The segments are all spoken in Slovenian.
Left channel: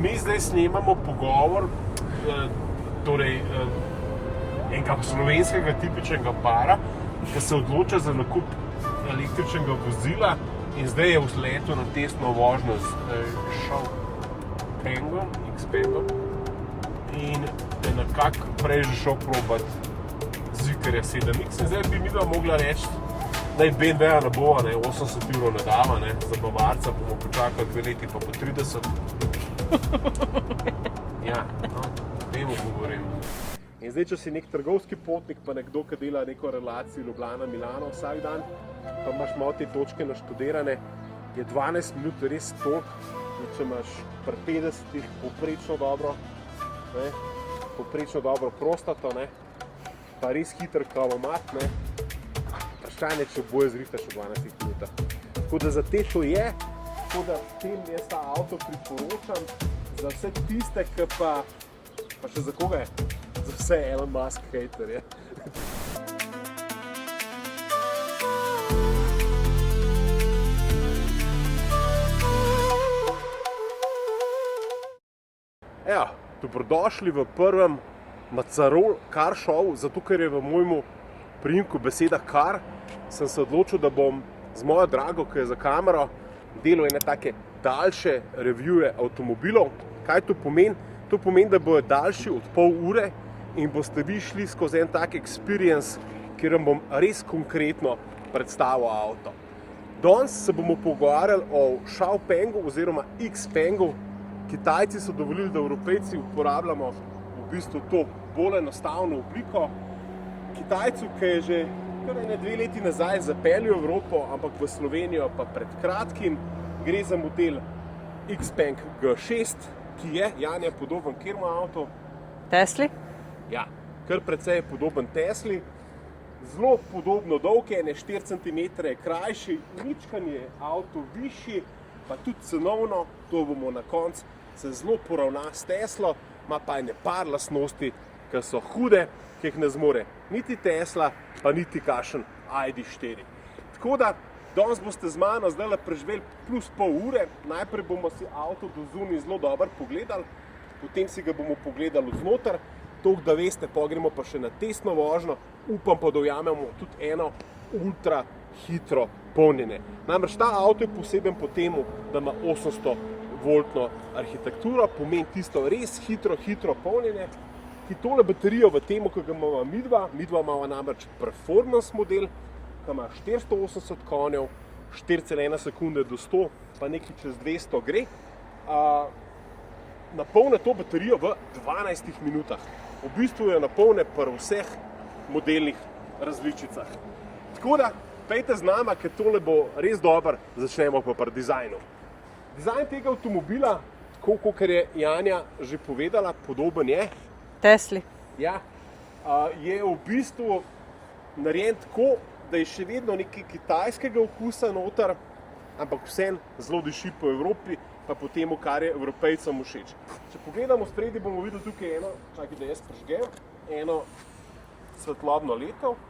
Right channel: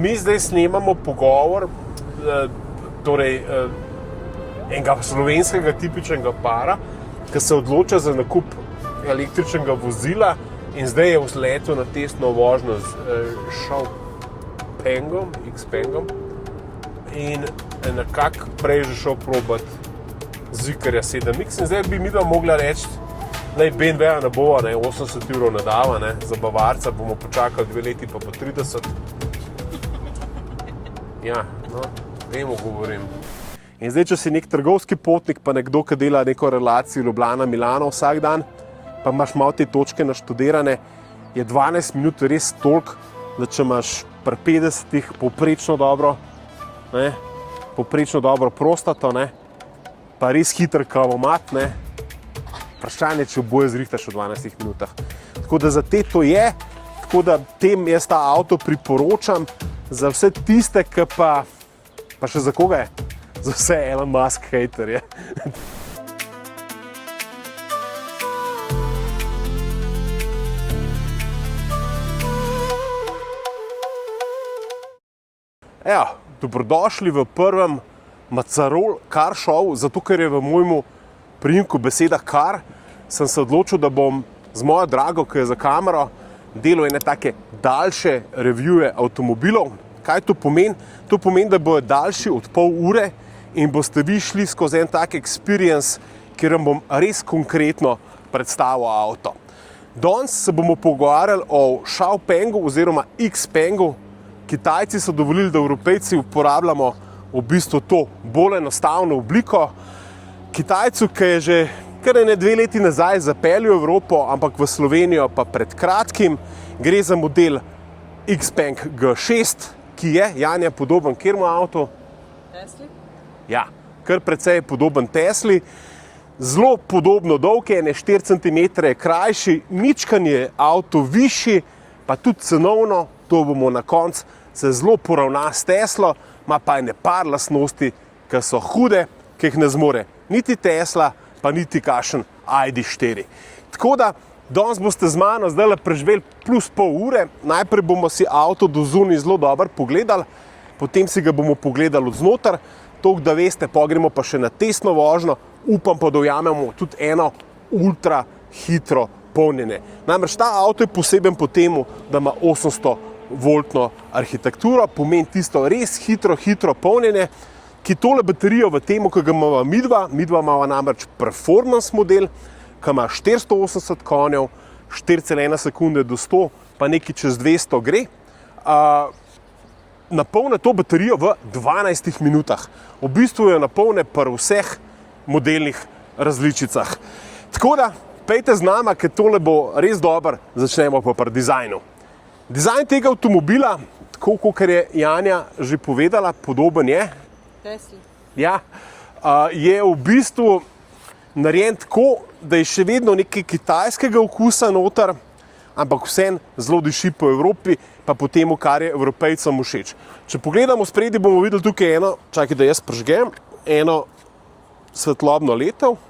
Mi zdaj snemamo pogovor, torej enega slovenskega tipičnega para, ki se odloča za nakup električnega vozila in zdaj je vzletel na testno vožnjo z Xpengom, Xpengom in je nekako prej že šel probati Zvikarja 7X in zdaj bi midva mogla reči, naj BMW-ja ne bova, 80 € ne dava, za Bavarca bomo počakali 2 leti pa po 30. Ja, no, vemo govorim. In zdaj, če si nek trgovski potnik, pa nekdo, ki dela neko relacijo Ljubljana-Milano vsak dan, pa imaš malo te točke naštudirane, je 12 minut res toliko, da če imaš pri 50-ih povprečno dobro prostato, pa res hiter kavomat, vprašanje, če oboje zrihtaš v 12 minutah. Tako da za te to je, tako da tem jaz ta avto priporočam za vse tiste, ki pa še za koga je? Za vse Elon Musk hejterje. Evo, dobrodošli v prvem Macarol Car Show, zato ker je v mojemu priimku beseda car, sem se odločil, da bom z mojo drago, ki je za kamero, delal ene take daljše revije avtomobilov. Kaj to pomeni? To pomeni, da bojo daljši od pol ure in boste vi šli skozi en tak experience, kjer vam bom res konkretno predstavil avto. Danes se bomo pogovarjali o Xpengu oziroma Xpengu. Kitajci so dovolili, da Evropejci uporabljamo v bistvu to bolj enostavno obliko. Kitajcu, ki je že kar 2 leti nazaj zapeljal v Evropo, ampak v Slovenijo pa pred kratkim, gre za model Xpeng G6, ki je, Janja, podoben kateremu avtu? Tesli? Ja, kar precej podoben Tesli. Zelo podobno dolg je, 4 cm je krajši, mičkan je avto višji, pa tudi cenovno, to bomo na koncu, se zelo poravna s Teslo, ima pa ene par lastnosti, ki so hude, ki jih ne zmore niti Tesla, pa niti kakšen ID.4. Tako da, danes boste z mano zdaj preživeli plus pol ure. Najprej bomo si avto do zunaj zelo dobro pogledali, potem si ga bomo pogledali od znotraj, toliko da veste, gremo pa še na testno vožnjo, upam pa, da ujamemo tudi eno ultra hitro polnjenje. Namreč ta avto je poseben po temu, da ima 800-voltno arhitekturo, pomeni tisto res hitro polnjenje, ki tole baterijo v temu, ki ga imamo midva imamo namreč performance model, ki ima 480 konjev, 4,1 sekunde do 100, pa nekaj čez 200 gre. Napolne to baterijo v 12 minutah. V bistvu jo napolne pri vseh modelnih različicah. Tako da, pejte z nama, ker tole bo res dober, začnemo pa pri dizajnu. Dizajn tega avtomobila, tako kot je Janja že povedala, podoben je Tesli. Ja, je v bistvu narejen tako, da je še vedno nekaj kitajskega okusa noter, ampak vseeno zelo diši po Evropi, pa po temu, kar je Evropejcem všeč. Če pogledamo spredi, bomo videli tukaj eno, čakaj, da jaz prižgem, eno svetlobno letev,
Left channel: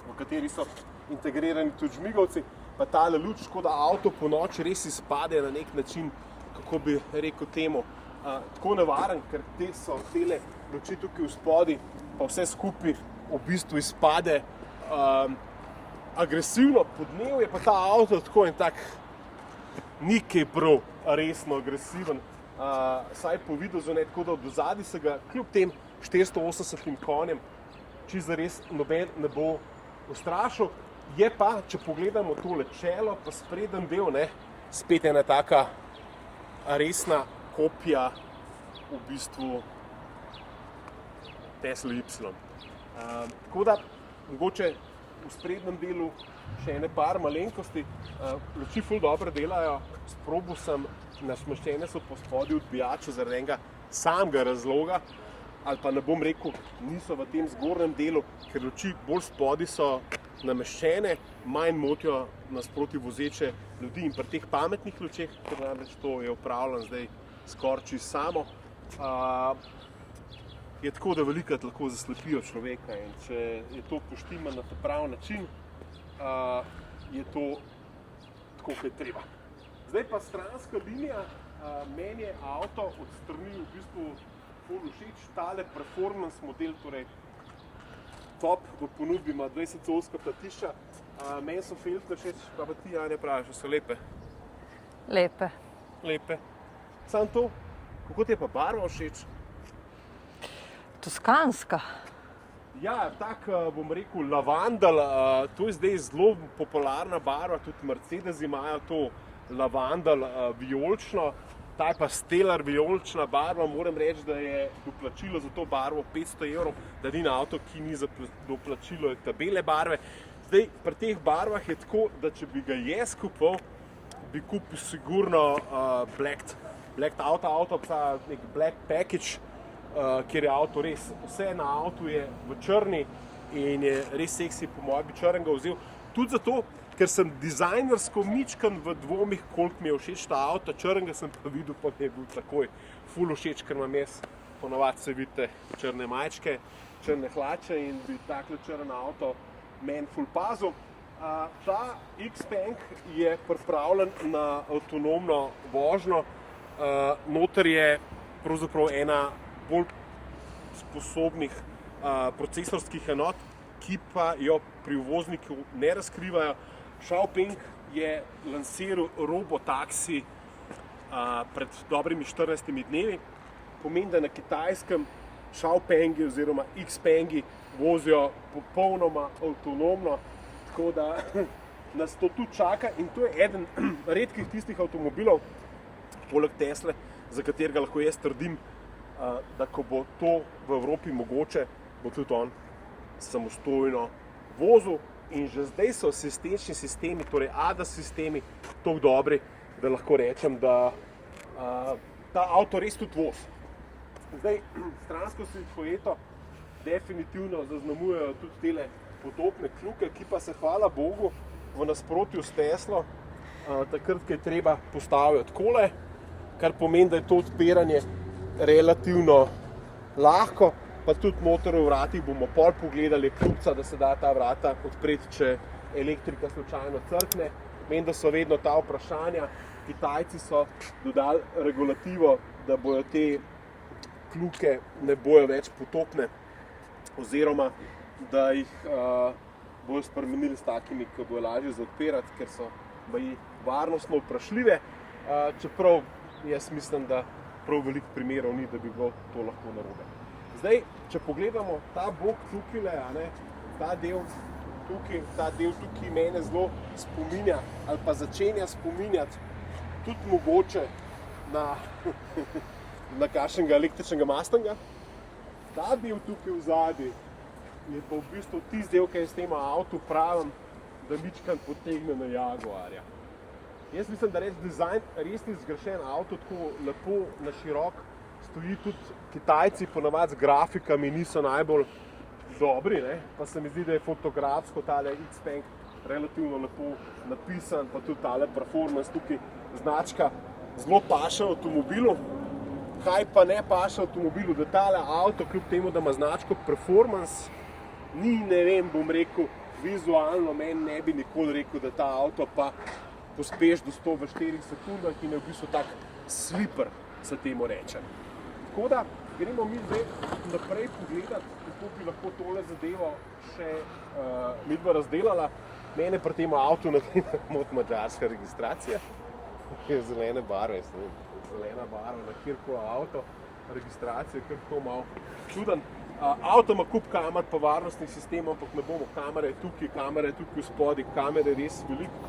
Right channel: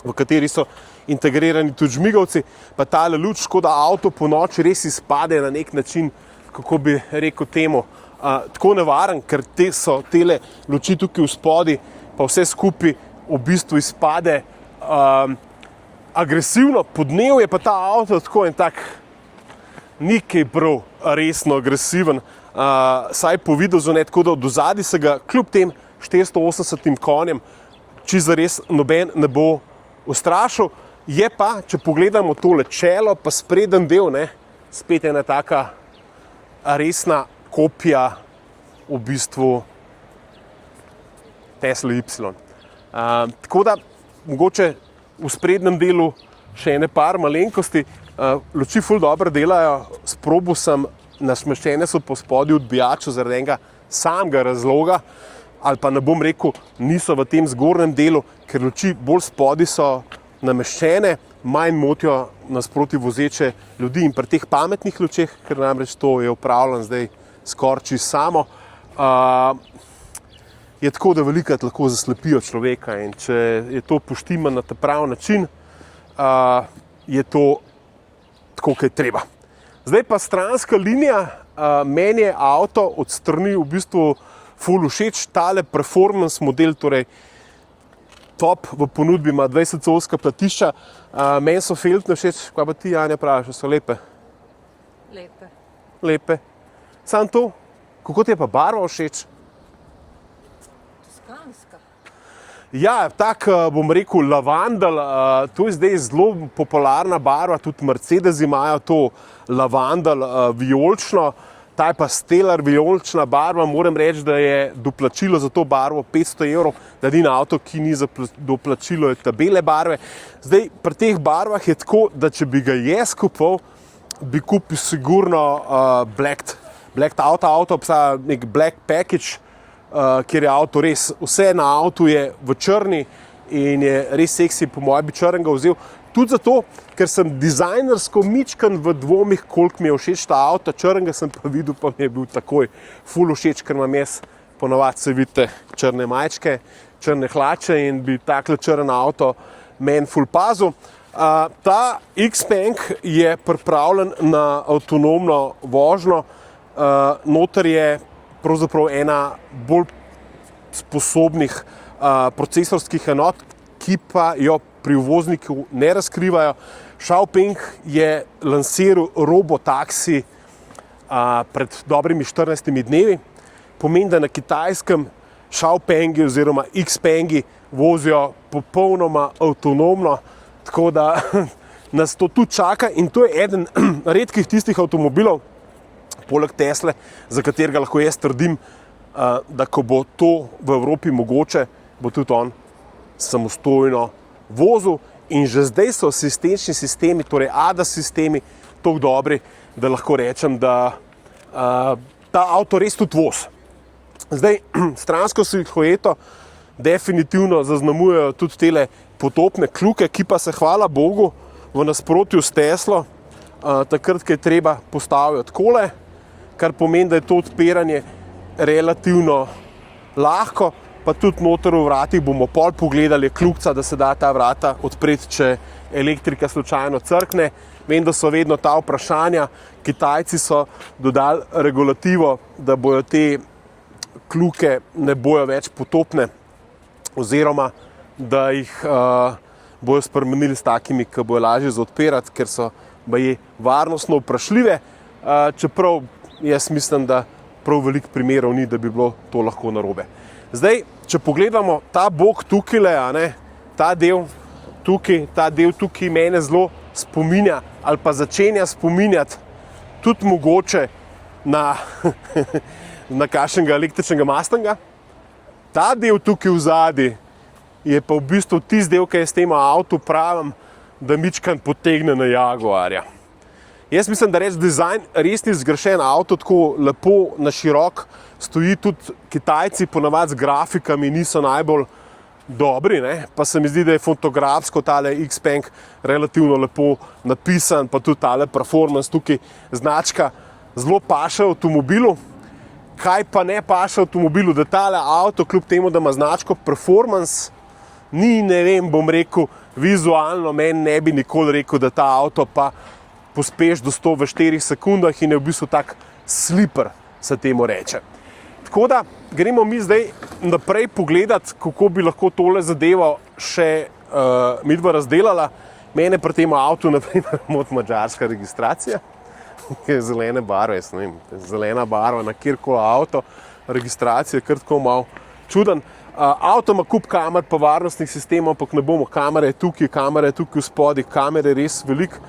v kateri so integrirani tudi žmigavci, pa tale luč, tako da avto po noči res izpade na nek način, kako bi rekel temu, tako nevaren, ker so tele luči tukaj v spodi, pa vse skupaj v bistvu izpade agresivno. Podnev je pa ta avto tako en tak nekaj prav resno agresiven, saj po videzu ne, tako da od ozadij se ga kljub tem 480 konjem čisto zares noben ne bo ustrašil. Je pa, če pogledamo tole čelo, pa spreden del, spet ena taka resna kopija v bistvu Tesla Y. Tako da, mogoče v sprednjem delu še ene par malenkosti. Luči ful dobro delajo, sprobal sem, nasmeščene so po spodju odbijaču zaradi enega samega razloga, ali pa ne bom rekel, niso v tem zgornjem delu, ker luči bolj spodaj so nameščene, manj motijo nasproti vozeče ljudi in pri teh pametnih lučeh, ker namreč to je upravljeno zdaj skoraj čisto samo, je tako, da velikokrat lahko zaslepijo človeka in če je to poštimano na ta pravi način, je to tako, kot je treba. Zdaj pa stranska linija meni je avto od strani v bistvu ful všeč, tale performance model, torej top v ponudbi, ima 20-colska platišča. Meni so feltne všeč, kaj pa ti, Anja, praviš, so lepe? Lepe. Lepe. Samo to, kako ti je pa barva všeč? Toskanska. Ja, tak, bom rekel, lavandel, to je zdaj zelo popularna barva, tudi Mercedes imajo to lavandel vijolično, ta je pa stellar vijolična barva, moram reči, da je doplačilo za to barvo 500 €, da ni na avto, ki ni za doplačilo, je ta bele barve. Zdaj, pri teh barvah je tako, da če bi ga jaz kupil, bi kupil sigurno black auto, obstaja nek black package, kjer je avto res, vse na avtu je v črni in je res seksi, po mojem bi črnega vzel. Tudi zato, ker sem dizajnersko mičkan v dvomih, koliko mi je všeč ta avto, črnega sem pa videl, pa mi je bil takoj ful všeč, ker imam jaz ponovadi, se vidite, črne majčke, črne hlače in bi takle črn avto meni ful pazil. Ta Xpeng je pripravljen na avtonomno vožnjo, noter je pravzaprav ena bolj sposobnih procesorskih enot, ki pa jo pri uvozniku ne razkrivajo. Xiaopeng je lansiral robotaksi pred dobrimi 14 dnevi. Pomeni, da na kitajskem Xiaopengi oziroma Xpengi vozijo popolnoma avtonomno, tako da nas to tudi čaka in to je eden redkih tistih avtomobilov, poleg Tesle, za katerega lahko jaz trdim, da ko bo to v Evropi mogoče, bo tudi on samostojno vozil in že zdaj so asistenčni sistemi, torej ADAS sistemi, tako dobri, da lahko rečem, da ta avto res tudi vozi. Zdaj, stransko silhueto definitivno zaznamujejo tudi tele potopne kljuke, ki pa se, hvala Bogu, v nasprotju s Teslo, takrat, ko je treba, postavijo takole, kar pomeni, da je to odpiranje relativno lahko, pa tudi noter v vratih bomo pol pogledali kljukca, da se da ta vrata odpreti, če elektrika slučajno crkne. Vem, da so vedno ta vprašanja, Kitajci so dodali regulativo, da bojo te kljuke ne bojo več potopne, oziroma da jih bojo spremenili s takimi, ki bojo lažje za odpirati, ker so baje varnostno vprašljive, čeprav jaz mislim, da prav veliko primerov ni, da bi bilo to lahko narobe. Zdaj, če pogledamo ta bok tukaj, ta del tukaj mene zelo spominja ali pa začenja spominjati tudi mogoče na kakšnega električnega Mustanga. Ta del tukaj v zadnji je pa v bistvu tisti del, ki jaz temu avtu pravim, da mičkan potegne na Jaguarja. Jaz mislim, da reč dizajn res ni zgrešen avto, tako lepo na širok stoji, tudi Kitajci ponavadi z grafikami niso najbolj dobri, pa se mi zdi, da je fotografsko tale Xpeng relativno lepo napisan, pa tudi tale performance tukaj značka zelo paše avtomobilu. Kaj pa ne paše avtomobilu, da tale avto, kljub temu, da ima značko performance, ni, ne vem, bom rekel, vizualno meni ne bi nikoli rekel, da ta avto pa pospeš do 100 v 4 sekundah in je v bistvu tak slipper, se temu reče. Tako da gremo mi zdaj naprej pogledati, kako bi lahko tole zadevo še midva razdelala. Mene pri tem avtu, naprimer, moti madžarska registracija, ki je zelene barve, jaz ne vem, zelena barva na kjerkoli avto, registracija je kar tako malo čuden. Avto ima kup kamer pa varnostnih sistemov, ampak ne bomo, kamere je tukaj v spodih, kamere je res veliko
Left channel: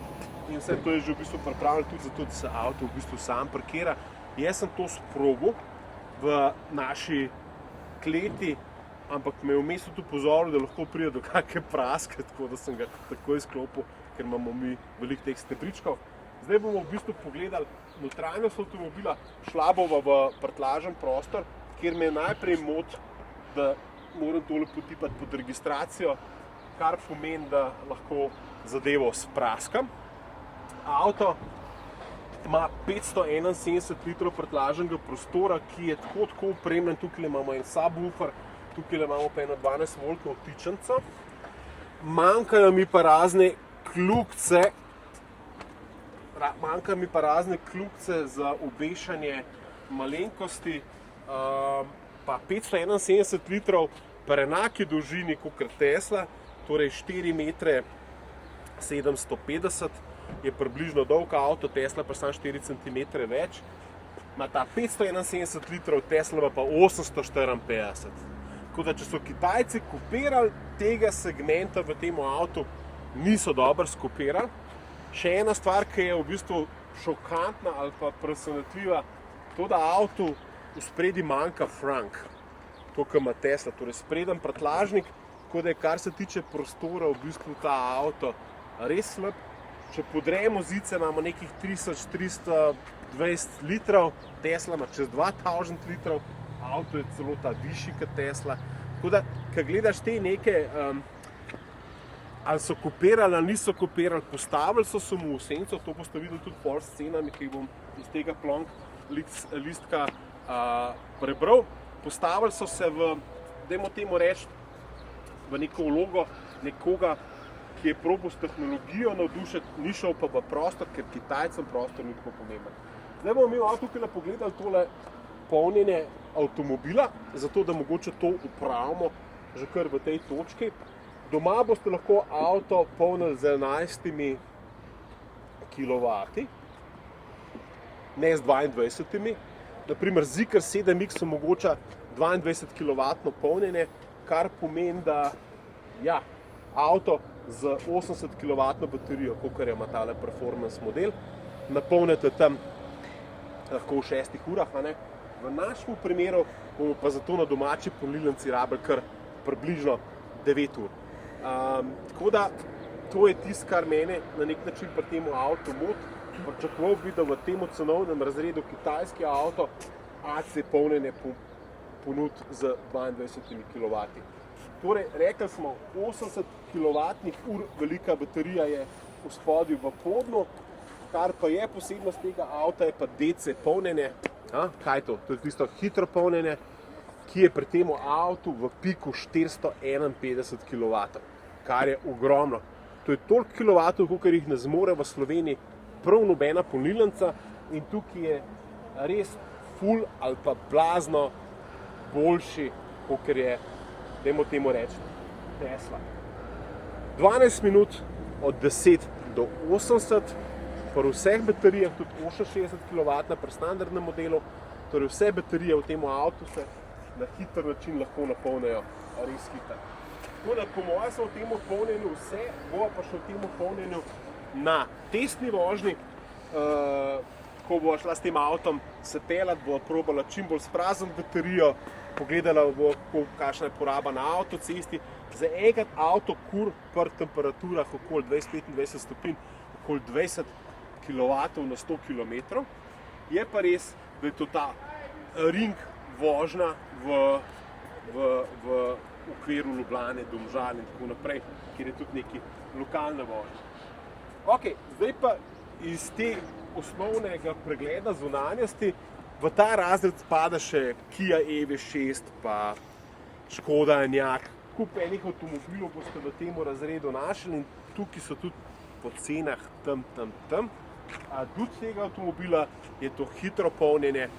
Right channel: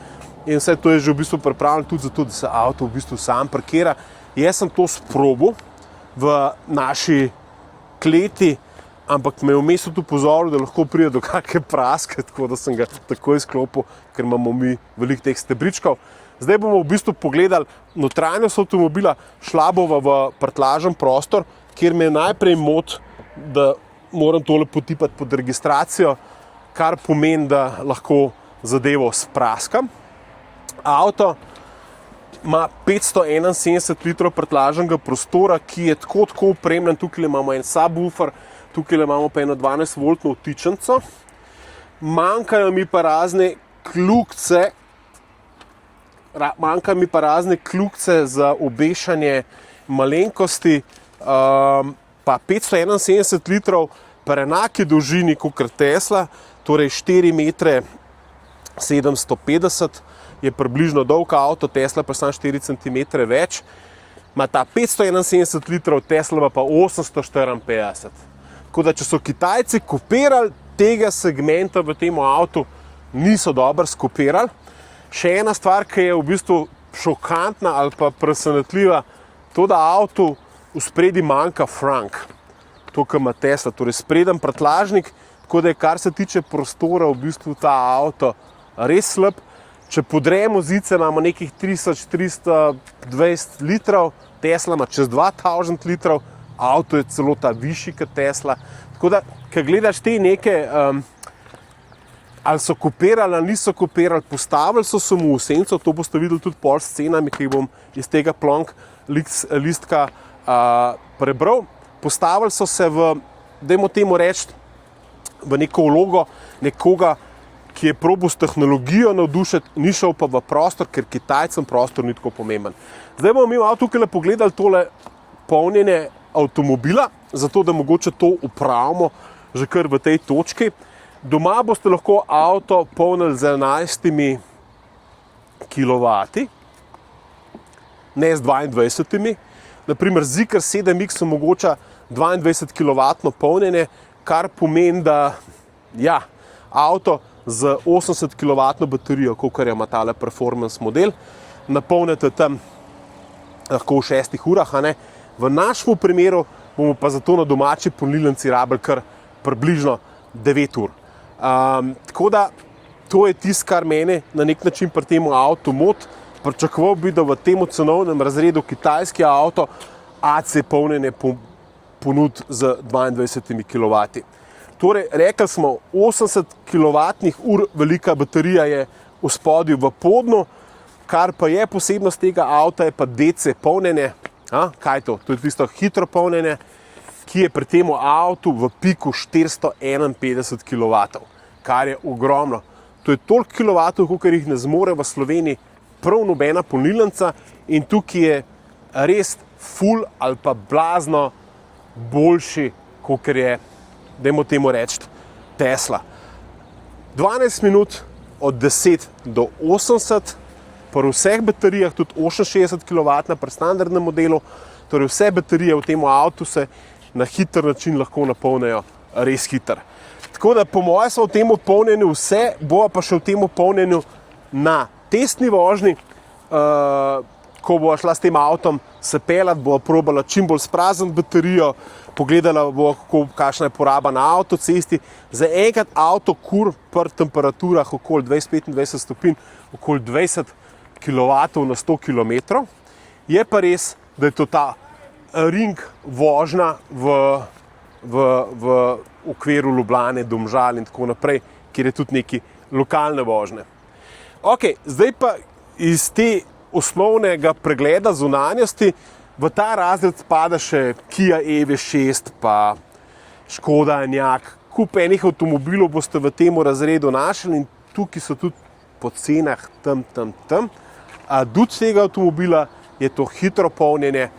in vse to je že v bistvu pripravljeno tudi zato, da se avto v bistvu sam parkira. Jaz sem to sprobil v naši kleti, ampak me je vmes tudi upozoril, da lahko pride do kakšne praske, tako da sem ga takoj izklopil, ker imamo mi veliko teh stebričkov. Zdaj bomo v bistvu pogledali notranjost avtomobila, šla bova v prtljažen prostor, kjer me najprej moti, da moram tole potipati pod registracijo, kar pomeni, da lahko zadevo spraskam. Avto ima 571 litrov prtljažnega prostora, ki je tako opremljen. Tukaj imamo en subwoofer, tukaj imamo pa eno 12-voltno vtičnico. Manjkajo mi pa razne kljukce, manjka mi pa razne kljukce za obešanje malenkosti, pa 571 litrov, pa enaki dolžini kot Tesla, torej 4 metre 750 je približno dolg avto, Tesla pa samo 4 cm več, ima ta 571 litrov, Tesla pa 854. Tako da, če so Kitajci kopirali tega segmenta v tem avtu, niso dobro skopirali. Še ena stvar, ki je v bistvu šokantna ali pa presenetljiva, to, da avtu v spredi manjka frank, to, kar ima Tesla, torej spreden prtljažnik, tako da je, kar se tiče prostora, v bistvu ta avto res slab. Če podremo zice, imamo nekih 3320 litrov, Tesla ima čez 2000 litrov, avto je celo ta višji kot Tesla. Tako da, ko gledaš te neke, ali so kopirali ali niso kopirali, postavili so se mu v senco, to boste videli tudi pol s cenami, ki jih bom iz tega plonk listka prebral. Postavili so se v, dajmo temu reči, v neko vlogo nekoga, ki je probal s tehnologijo navdušiti, ni šel pa v prostor, ker Kitajcem prostor ni tako pomemben. Zdaj bomo mi tukaj pogledali tole polnjenje avtomobila, zato da mogoče to upravimo že kar v tej točki. Doma boste lahko avto polnili z 11 kW, ne z 22. Naprimer, Zeekr 7X omogoča 22 kW polnjenje, kar pomeni, da ja, avto z 80 kW baterijo, kolikor ima tale performance model, napolnite tam lahko v 6 urah. V našem primeru bomo pa zato na domači polnilnici rabili kar približno 9 ur. Tako da to je tisto, kar mene na nek način pri tem avtu moti. Pričakoval bi, da v tem cenovnem razredu kitajski avto AC polnjenje ponudi z 22 kW. Torej, rekli smo, 80 kWh velika baterija je v spodju v podnu, kar pa je posebnost tega avta, je pa DC polnjenje. Kaj je to? To je tisto hitro polnjenje, ki je pri tem avtu v piku 451 kW, kar je ogromno. To je toliko kilovatov, kolikor jih ne zmore v Sloveniji prav nobena polnilnica, in tukaj je res ful ali pa blazno boljši, kolikor je, dajmo temu reči, Tesla. 12 minut od 10 do 80, pri vseh baterijah, tudi 68 kW pri standardnem modelu, torej vse baterije v tem avtu se na hiter način lahko napolnijo res hiter. Tako da po mojem smo v tem polnjenju vse, bo pa še v tem polnjenju na testni vožnji, ko bo šla s tem avtom se peljati, bo probala čim bolj sprazniti baterijo, pogledala bo, kakšna je poraba na avtocesti. Za enkrat avto kur pri temperaturah okoli 20-25 stopinj, okoli 20 kW na 100 km. Je pa res, da je to ta ring vožnja v okviru Ljubljane, Domžal in tako naprej, kjer je tudi neki lokalne vožnje. Ok, zdaj pa iz te osnovnega pregleda zunanjosti v ta razred spada še Kia EV6, pa Škoda Enyaq. Kup enih avtomobilov boste v tem razredu našli in tukaj so tudi po cenah tam. Duh tega avtomobila je to hitro polnjenje,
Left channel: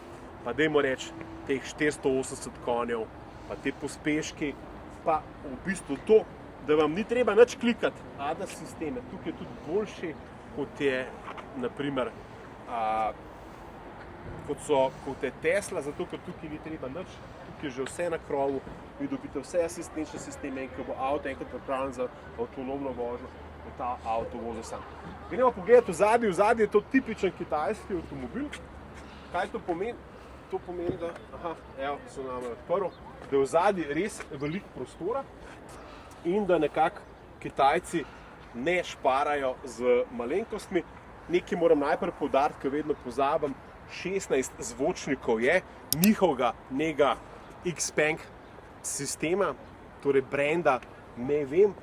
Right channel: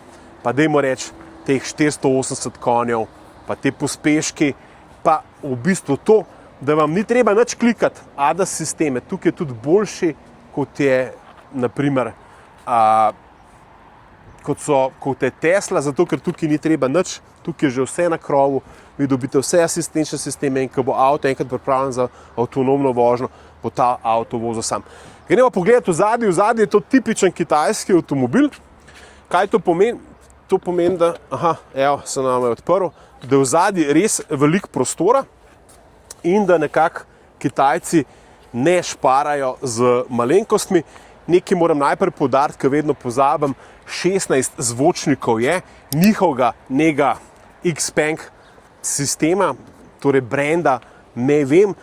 pa dajmo reči teh 480 konjev, pa te pospeški, pa v bistvu to, da vam ni treba nič klikati, ADAS sisteme. Tukaj je tudi boljši, kot je naprimer kot je Tesla, zato ker tukaj ni treba nič, tukaj je že vse na krovu, vi dobite vse asistenčne sisteme in ko bo avto enkrat pripravljen za avtonomno vožnjo, bo ta avto vozil sam. Gremo pogledati v zadnji je to tipičen kitajski avtomobil. Kaj to pomeni? To pomeni, da, evo, se nam je odprl, da je v zadnji res veliko prostora in da nekako Kitajci ne šparajo z malenkostmi. Nekaj moram najprej poudariti, ker vedno pozabim, 16 zvočnikov je, njihovega Xpeng sistema, torej brenda, ne vem.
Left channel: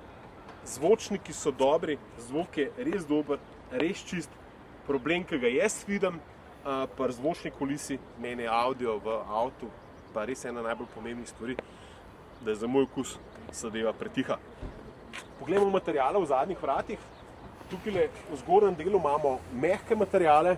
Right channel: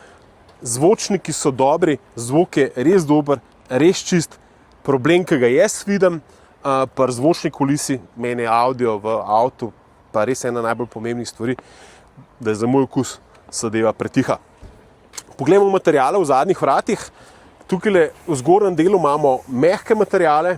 Zvočniki so dobri, zvok je res dober, res čist. Problem, ki ga jaz vidim pri zvočni kulisi, meni je audio v avtu, pa res ena najbolj pomembnih stvari, da je za moj okus zadeva pretiha. Poglejmo materiale v zadnjih vratih. tukaj v zgornjem delu imamo mehke materiale,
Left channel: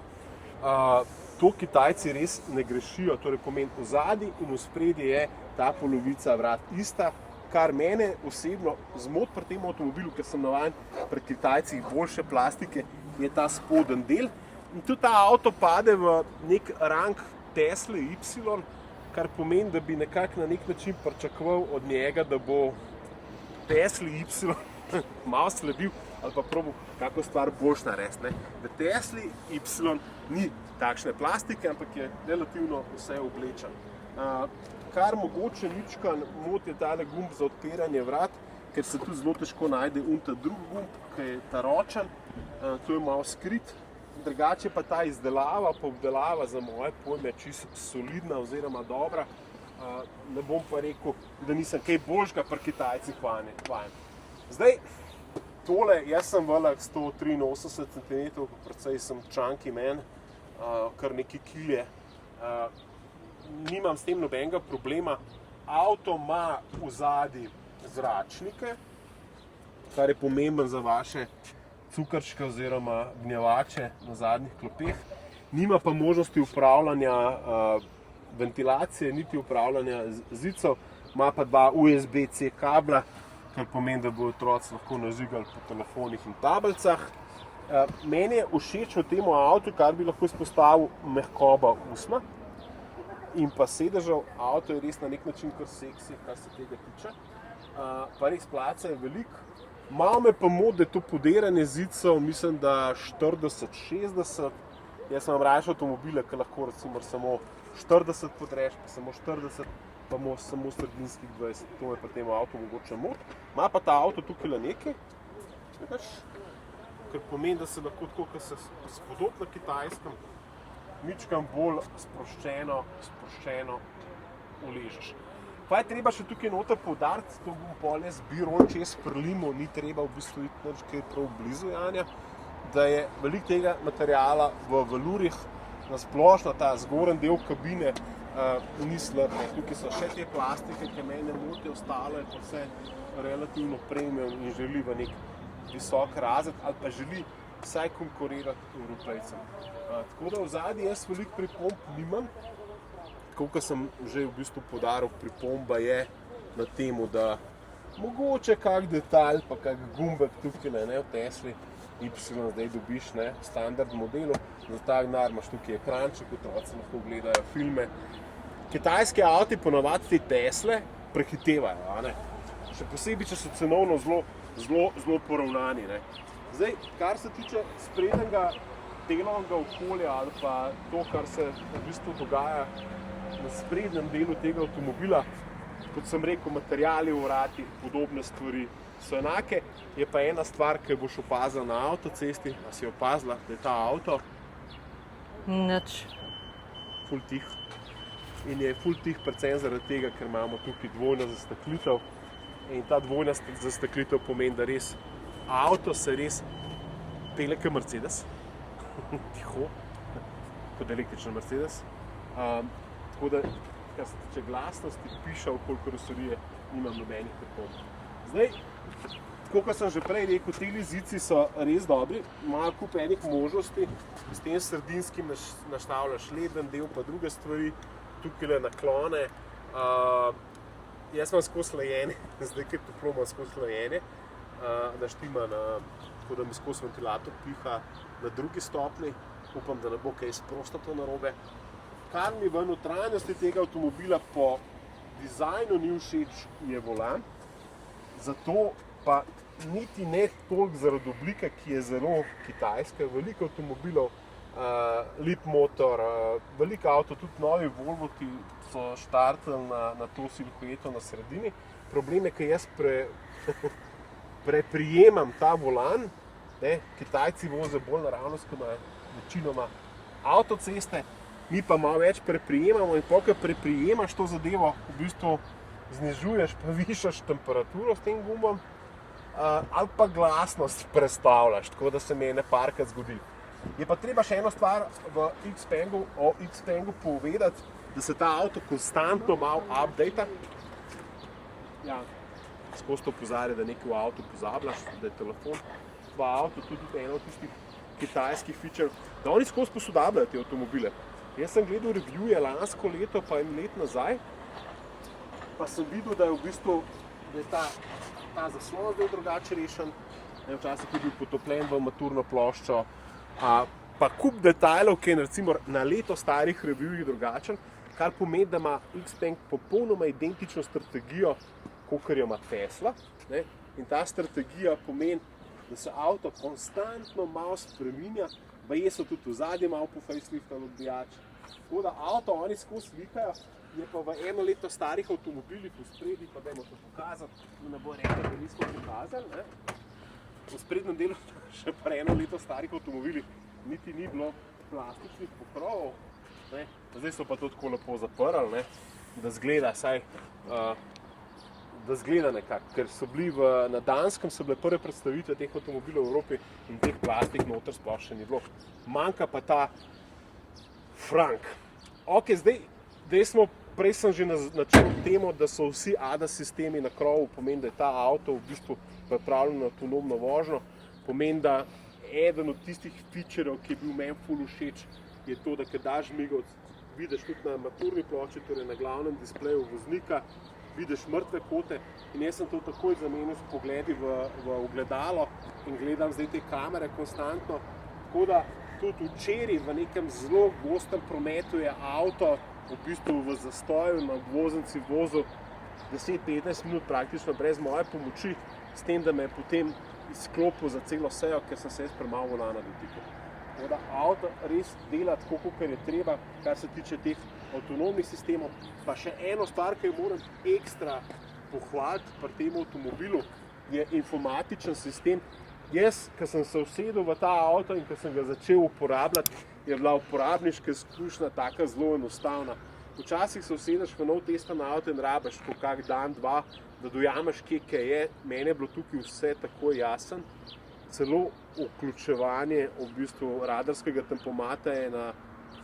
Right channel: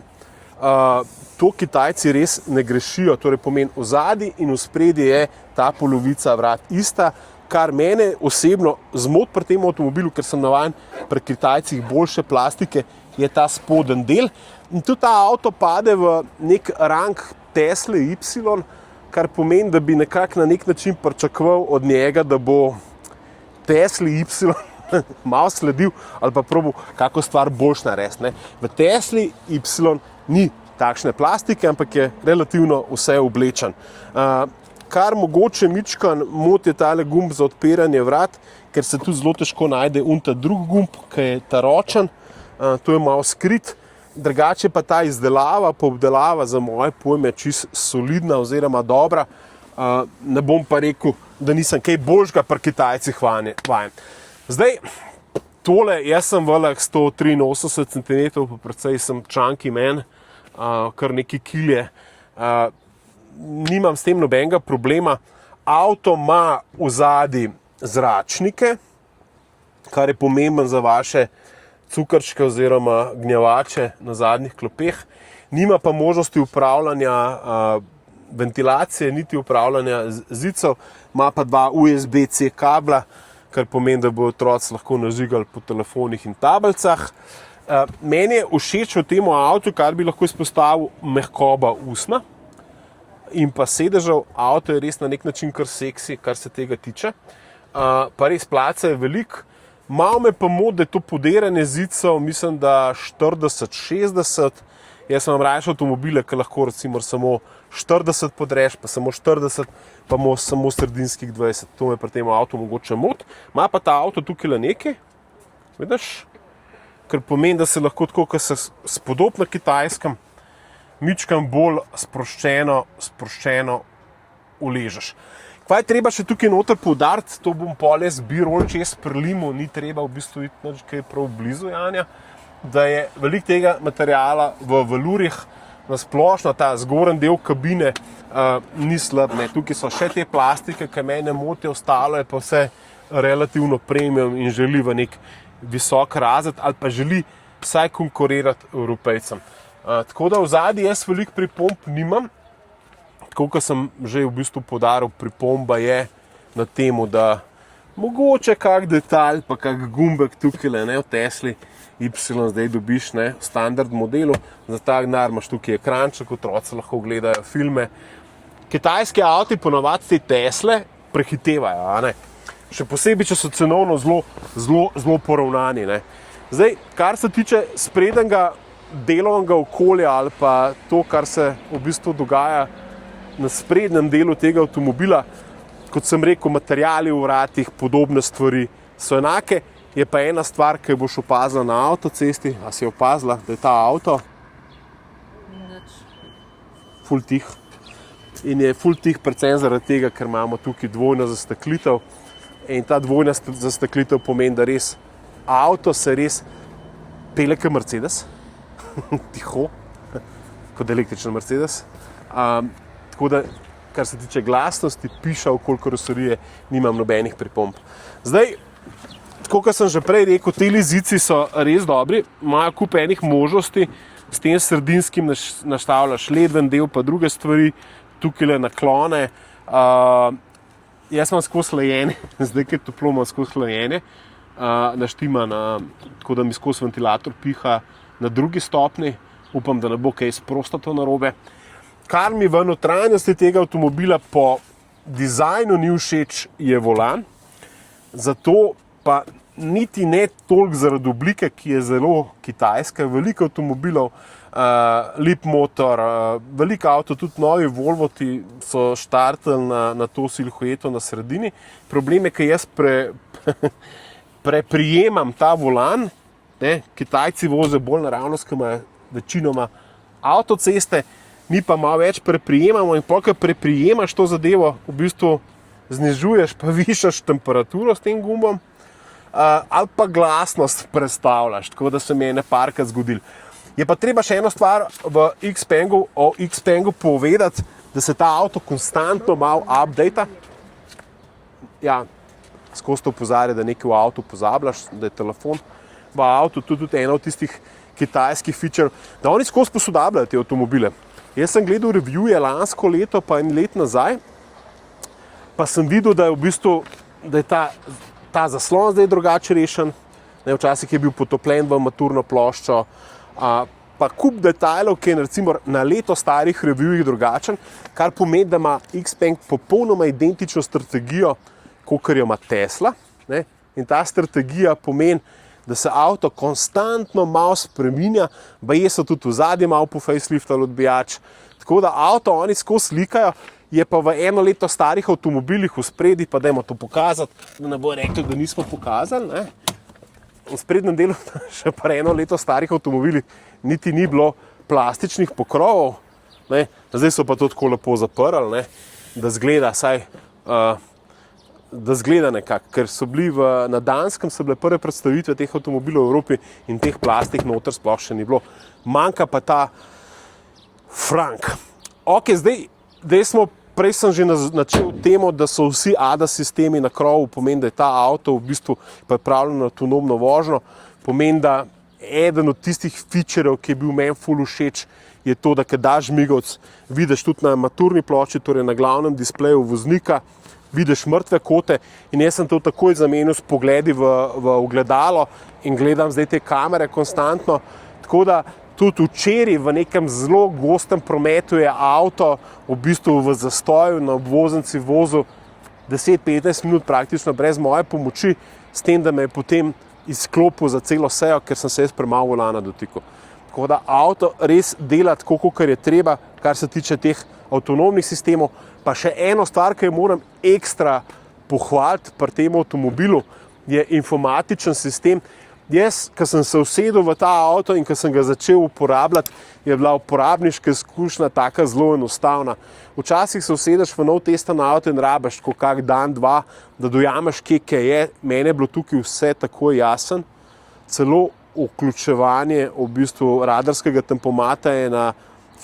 to Kitajci res ne grešijo, torej pomeni v zadnji in v spredje je ta polovica vrat ista, kar mene osebno zmoti pri tem avtomobilu, ker sem navajen pri Kitajcih boljše plastike, je ta spoden del. In tudi ta avto pade v nek rang Tesla Y, kar pomeni, da bi nekako na nek način pričakoval od njega, da bo Tesla Y malo sledil ali pa probal kako stvar boljš narediti. V Tesli Y ni takšne plastike, ampak je relativno vse oblečen. Kar mogoče mičkan moti je tale gumb za odpiranje vrat, ker se tudi zelo težko najde ta drug gumb, ki je ta ročen, to je malo skrit. Drugače pa ta izdelava, pa obdelava za moje pojme čist solidna oziroma dobra. Ne bom pa rekel, da nisem kaj boljšega pri Kitajcih vajen. Zdaj, tole, jaz sem velik 183 cm, pa precej sem chunky man, kar neki kilje. Nimam s tem nobenega problema. Avto ima v zadnji zračnike, kar je pomemben za vaše cukrčke oziroma gnjavače na zadnjih klopeh. Nima pa možnosti upravljanja ventilacije, niti upravljanja zidcev. Ima pa dva USB-C kabla, kar pomeni, da bo otroci lahko nažigali po telefonih in tablicah. Meni je všeč v tem avtu, kar bi lahko izpostavil, mehkoba usnja in pa sedežev. Avto je res na nek način kar seksi, kar se tega tiče. Pa res placa je veliko. Malo me pa moti, da je to podiranje zidcev, mislim, da 40-60. Jaz imam raje avtomobile, ki lahko recimo samo 40 podreš, pa samo 40, pa samo sredinskih 20. To me pri tem avtu mogoče moti. Ima pa ta avto tukaj le nekaj, vidiš? Ker pomeni, da se lahko tako, ko se spodob na Kitajskem, mičkam bolj sproščeno uležeš. Kaj je treba še tukaj noter poudariti, to bom pol jaz birol čez prilimu, ni treba v bistvu iti nič kaj prav blizu Janja, da je veliko tega materiala v velurjih, na splošno ta zgoren del kabine ni slab. Tukaj so še te plastike, ki mene motijo, ostalo je pa vse relativno premium in želi v nek visok razred ali pa želi vsaj konkurirati Evropejcem. Tako da v zadnji jaz veliko pripomb nimam. Tako, kot sem že v bistvu poudaril, pripomba je na temu, da mogoče kak detalj, pa kak gumbek tukaj v Tesli Y zdaj dobiš v standard modelu. Za ta denar imaš tukaj ekranček, otroci lahko gledajo filme. Kitajski avti ponavadi te Tesle prehitevajo, še posebej, če so cenovno zelo poravnani. Zdaj, kar se tiče sprednjega delovnega okolja ali pa to, kar se v bistvu dogaja na sprednjem delu tega avtomobila, kot sem rekel, materiali v vratih, podobne stvari so enake. Je pa ena stvar, ki boš opazila na avtocesti, a si je opazila, da je ta avto Nič. ful tih. In je ful tih predvsem zaradi tega, ker imamo tukaj dvojno zasteklitev. In ta dvojna zasteklitev pomeni, da res avto se res pele kot Mercedes, tiho, kot električen Mercedes. Tako da, kar se tiče glasnosti, piša okoli karoserije, nimam nobenih pripomb. Zdaj, tako kot sem že prej rekel, te zidci so res dobri, imajo kup enih možnosti, s tem sredinskim nastavljaš ledven del, pa druge stvari, tukaj le naklone. Jaz imam skozi hlajenje, zdaj, ker je toplo, imam skozi hlajenje, naštiman, tako da mi skozi ventilator piha na drugi stopni. Upam, da ne bo kaj sprostato narobe. Kar mi v notranjosti tega avtomobila po dizajnu ni všeč, je volan. Zato pa niti ne toliko zaradi oblike, ki je zelo kitajska. Veliko avtomobilov, lep motor, veliko avto, tudi novi Volvoti so štartali na to silhueto na sredini. Problem je, ker jaz preprijemam ta volan. Kitajci vozijo bolj naravnost, ki imajo večinoma avtoceste. Mi pa malo več preprijemamo in ko preprijemaš to zadevo, v bistvu znižuješ pa višaš temperaturo s tem gumbom ali pa glasnost prestavljaš, tako da se mi je neparkrat zgodilo. Je pa treba še eno stvar o Xpengu povedati, da se ta avto konstantno malo updata. Ja, skozi to opozarja, da nekaj v avtu pozabljaš, da je telefon. v avtu, tudi ena od tistih kitajskih feature, da oni skozi posodabljajo te avtomobile. Jaz sem gledal revije lansko leto, pa en let nazaj, pa sem videl, da je v bistvu, da je ta zaslon zdaj drugače rešen. Včasih je bil potopljen v armaturno ploščo, pa kup detajlov, ki je recimo na leto starih revijih drugačen, kar pomeni, da ima Xpeng popolnoma identično strategijo, kakor jo ima Tesla. Ne? In ta strategija pomeni, da se avto konstantno malo spreminja, baje so tudi v zadnjem malo po faceliftali odbijač. Tako da avto oni skozi slikajo, je pa v eno leto starih avtomobilih v spredi, pa dajmo to pokazati, da ne bo rekli, da nismo pokazali. Ne? V sprednjem delu še pa eno leto starih avtomobilih niti ni bilo plastičnih pokrovov, ne? Zdaj so pa to tako lepo zaprli, ne? Da zgleda saj, da zgleda nekako, ker so bili na Danskem so bile prve predstavitve teh avtomobilov v Evropi in teh plastik noter sploh še ni bilo. Manjka pa ta frank. Ok, zdaj smo, prej sem že načel temo, da so vsi ADAS sistemi na krovu, pomeni, da je ta avto v bistvu pripravljen na avtonomno vožnjo, pomeni, da eden od tistih featureov, ki je bil meni ful všeč, je to, da ko daš žmigavec, vidiš tudi na armaturni plošči, torej na glavnem displeju voznika, vidiš mrtve kote in jaz sem to takoj zamenil s pogledi v ogledalo in gledam zdaj te kamere konstantno, tako da tudi včeraj v nekem zelo gostem prometu je avto v bistvu v zastoju na obvoznici vozil 10-15 minut praktično brez moje pomoči, s tem, da me je potem izklopil za celo sejo, ker sem se jaz premalo volana dotikal. Tako da avto res dela tako, kakor je treba, kar se tiče teh avtonomnih sistemov. Pa še eno stvar, ki jo moram ekstra pohvaliti pri tem avtomobilu, je informatičen sistem. Jaz, ko sem se usedel v ta avto in ko sem ga začel uporabljati, je bila uporabniška izkušnja taka zelo enostavna. Včasih se usedeš v nov testen avto in rabiš tako kak dan, dva, da dojameš, kje je. Meni je bilo tukaj vse tako jasen. Celo vključevanje v bistvu radarskega tempomata je na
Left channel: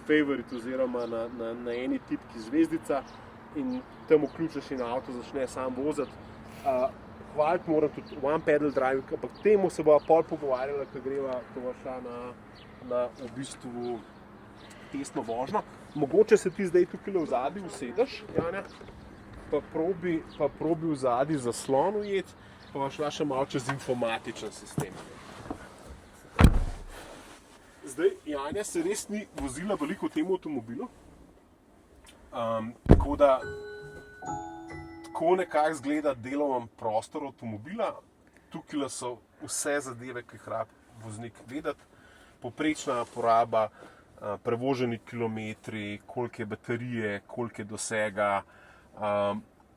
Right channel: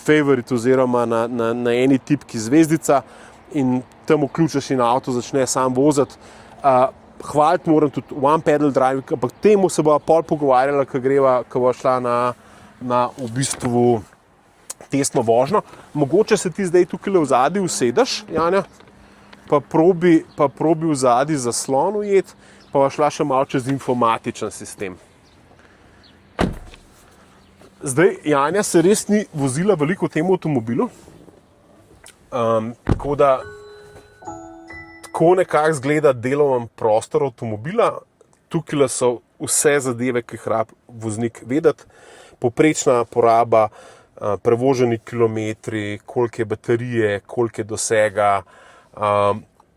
favorite oziroma na eni tipki zvezdica in tam vključiš in avto začne sam voziti. Hvaliti moram tudi one pedal drive, ampak temu se bova pol pogovarjala, ko bova šla na v bistvu testno vožnjo. Mogoče se ti zdaj tukaj v zadnji usedeš, Janja, pa probi v zadnji zaslon ujeti, pa bova šla še malo čez informatičen sistem. Zdaj, Janja se res ni vozila veliko v tem avtomobilu, tako da tako nekako zgleda deloven prostor avtomobila. Tukaj so vse zadeve, ki jih rabi voznik vedeti. Poprečna poraba, prevoženi kilometri, koliko je baterije, koliko je dosega.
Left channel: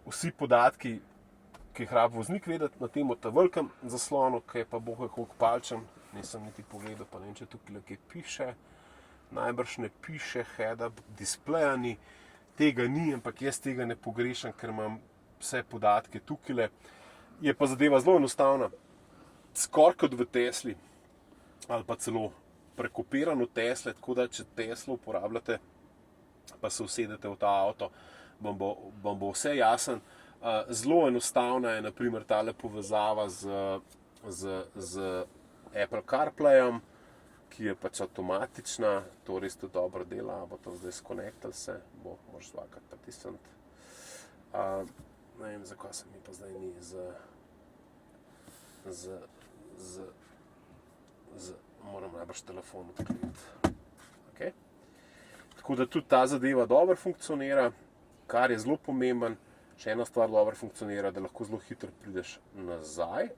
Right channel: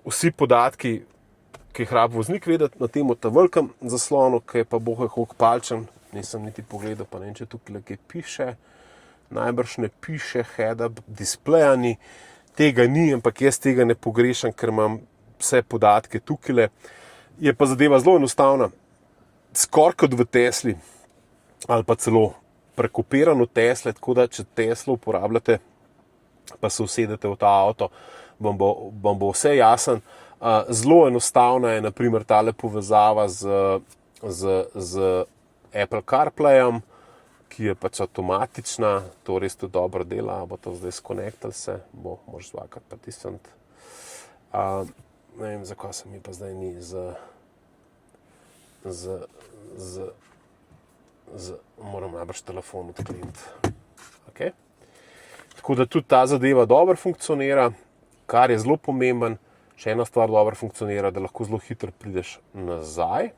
Vsi podatki, ki jih rabi voznik vedeti na tem velikem zaslonu, ki je pa bohe koliko palčen. Nisem niti pogledal, pa ne vem, če tukaj kaj piše. Najbrž ne piše head-up displeja ni. Tega ni, ampak jaz tega ne pogrešam, ker imam vse podatke tukaj. Je pa zadeva zelo enostavna. Skoraj kot v Tesli, ali pa celo prekopirano Tesle, tako da če Teslo uporabljate, pa se usedete v ta avto, vam bo vse jasen. Zelo enostavna je na primer tale povezava z Apple CarPlayem, ki je pač avtomatična, to res tudi dobro dela, bo to zdaj skonektali se, moraš zvakati pritisniti. Ne vem, zakaj se mi pa zdaj ni moram najbrž telefon odkleniti. Okay. Tako da tudi ta zadeva dobro funkcionira, kar je zelo pomemben. Še ena stvar dobro funkcionira, da lahko zelo hitro prideš nazaj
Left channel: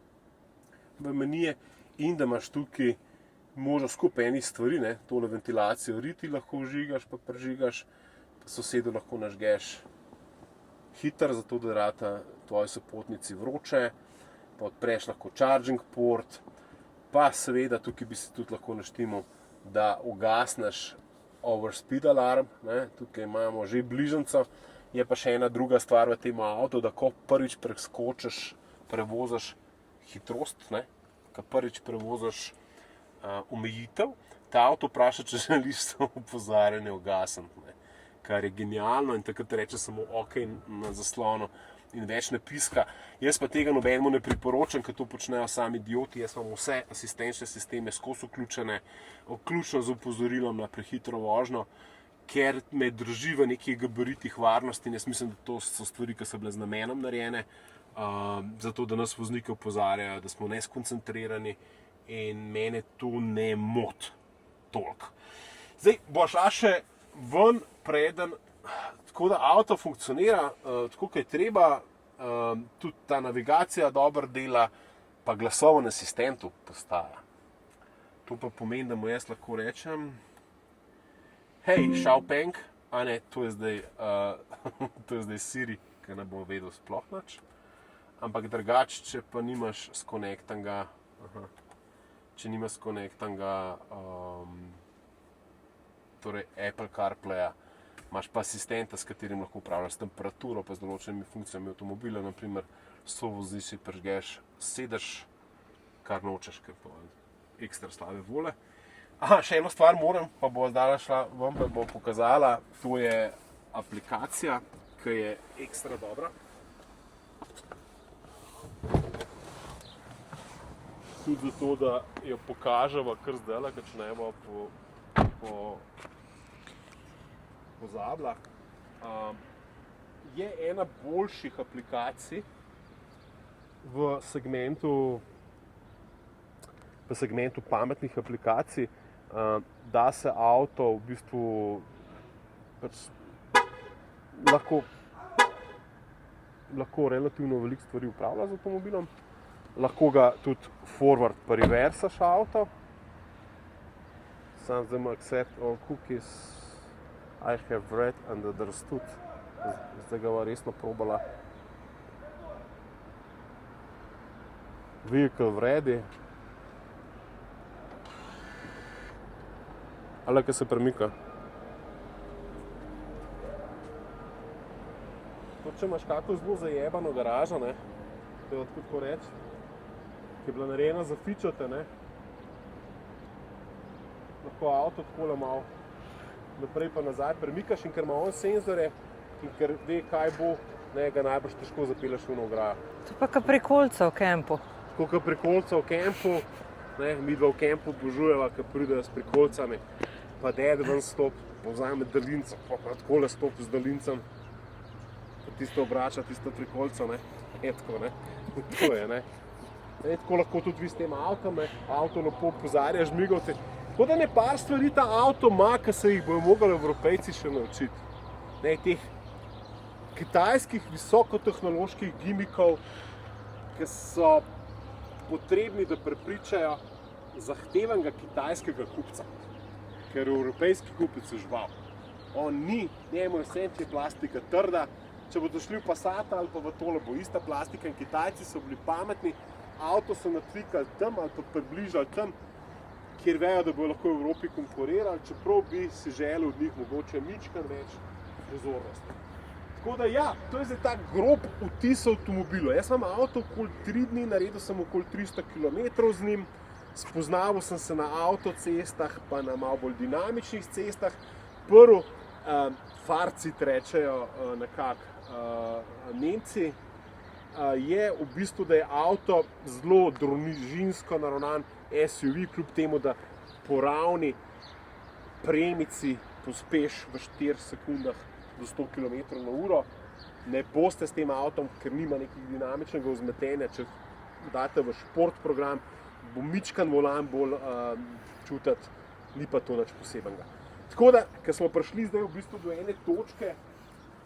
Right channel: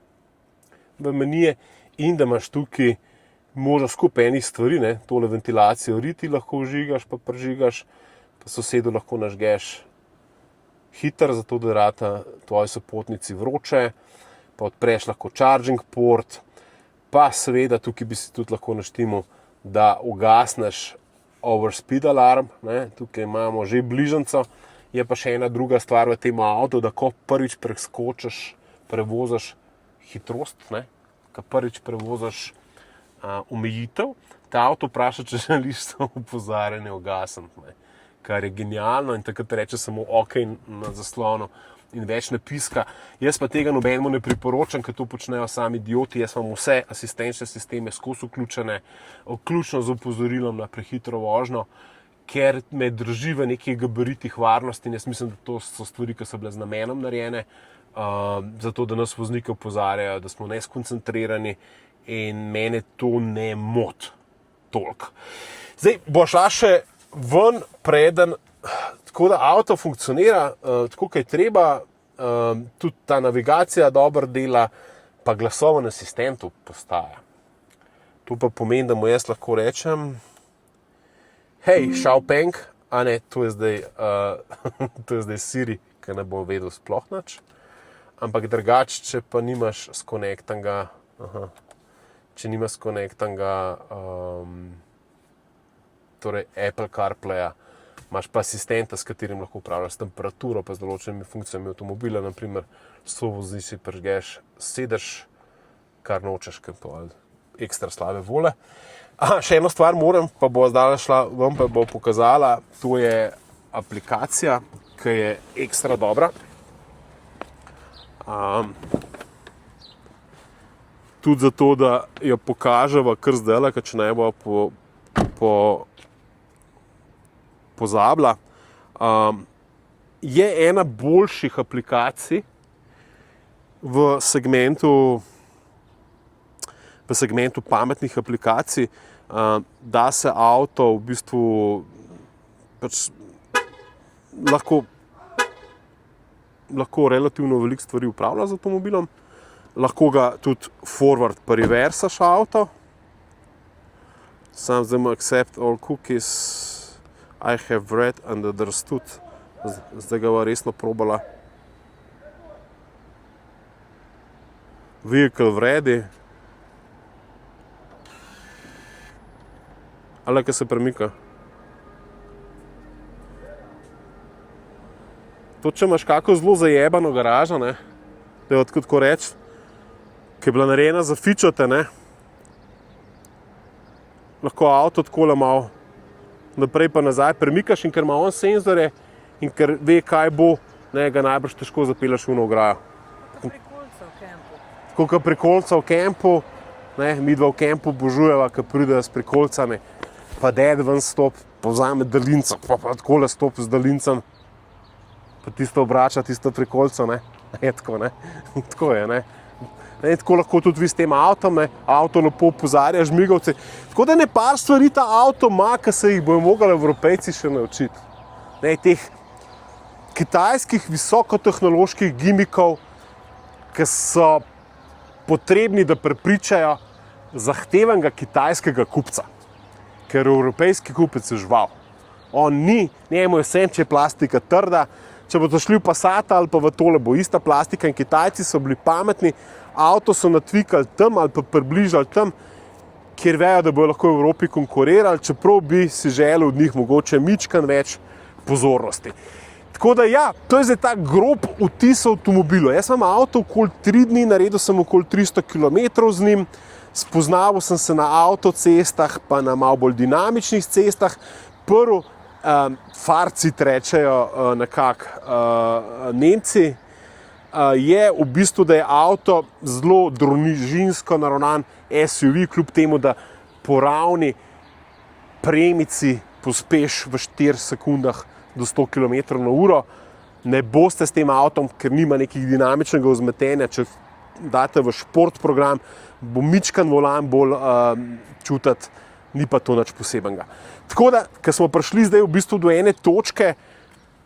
v menije in da imaš tukaj možno skupaj enih stvari, ne? Tole ventilacijo riti lahko vžigaš, pa prižigaš, pa sosedu lahko nažgeš hitro, zato da rata tvoji sopotnici vroče, pa odpreš lahko charging port, pa seveda tukaj bi si tudi lahko naštimal, da ugasneš overspeed alarm, ne? Tukaj imamo že bližnjico, je pa še ena druga stvar v tem avtu, da ko prvič preskočiš, prevoziš hitrost, ne? Ko prvič prevoziš omejitev, ta avto vpraša, če želiš samo opozarjanje ugasniti, kar je genialno in takrat reče samo OK na zaslonu, in več ne piska. Jaz pa tega nobenemu ne priporočam, ker to počnejo sami idioti. Jaz imam vse asistenčne sisteme skozi vključene, vključno z opozorilom na prehitro vožnjo, ker me drži v nekih gabaritih varnosti in jaz mislim, da to so stvari, ki so bile z namenom narejene, zato da nas voznike opozarjajo, da smo neskoncentrirani in mene to ne moti toliko. Zdaj, bo šla še ven preden, tako da avto funkcionira, tako kaj treba, tudi ta navigacija dobro dela, pa glasoven asistent postaja. To pa pomeni, da mu jaz lahko rečem, hej, Xiaopeng, a ne, to je zdaj Siri, ki ne bo vedel sploh nič, ampak drugače, če pa nimaš skonektanega, torej Apple CarPlaya, imaš pa asistenta, s katerim lahko upravljaš temperaturo, pa z določenimi funkcijami avtomobila, naprimer, sovoziš si prižgeš sedež, kar nočeš, ker to je ekstra slabe vole. Še eno stvar moram, pa bo zdaj šla ven, pa bo pokazala, to je aplikacija, ki je ekstra dobra. Tudi zato, da jo pokaževa kar zdajle, ker če ne bo pozabila. Je ena boljših aplikacij v segmentu pametnih aplikacij, da se avto v bistvu pač lahko relativno veliko stvari upravlja z avtomobilom. Lahko ga tudi forward pa reversaš avto. Sam zdaj accept all cookies I have read and understood. Zdaj ga bova resno probala. Vehicle ready. Ali kaj se premika. To, če imaš kako zelo zajebano garažo, ne, da je tako reči, ki je bila narejena za fičote, ne, lahko avto takole malo naprej pa nazaj premikaš in ker ima on senzore in ker ve, kaj bo, ne, ga najbrž težko zapelješ v ograjo. To pa kot pri kolcu v kempu. Tako kot pri kolcu v kempu, ne, midva v kempu obožujeva, ko pridejo s prikolcami, pa ded ven stop, pa vzame daljinco, pa takole stop z daljincem, pa tisto obrača, tisto prikolco, ne, tako, ne, tako je, ne. Tako lahko tudi vi s tem avtom, ne, avto lepo opozarja žmigovce. Tako da ne par stvari ta avto ima, ki se jih bojo mogli Evropejci še naučiti. Ne, teh kitajskih visokotehnoloških gimikov, ki so potrebni, da prepričajo zahtevenega kitajskega kupca. Ker evropejski kupec je žival. On ni, njemu je vse, če je plastika trda, če bodo šli v Passata ali pa v tole bo ista plastika in Kitajci so bili pametni, avto so natvikali tam ali pa približali tam, kjer vejo, da bojo lahko v Evropi konkurirali, čeprav bi si želel od njih mogoče mičkan več pozornosti. Tako da ja, to je zdaj ta grob vtis avtomobilu. Jaz imam avto okoli 3 dni, naredil sem okoli 300 km z njim, spoznaval sem se na avtocestah, pa na malo bolj dinamičnih cestah. Prvo, farcit rečejo nekako Nemci, je v bistvu, da je avto zelo družinsko naravnan SUV, kljub temu, da po ravni premici pospeš v 4 sekundah do 100 km/h. Ne boste s tem avtom, ker nima nekih dinamičnega vzmetenja, če date v šport program, bo mičkan volan bolj čutiti, ni pa to nič posebenega. Tako da, ko smo prišli zdaj v bistvu do ene točke,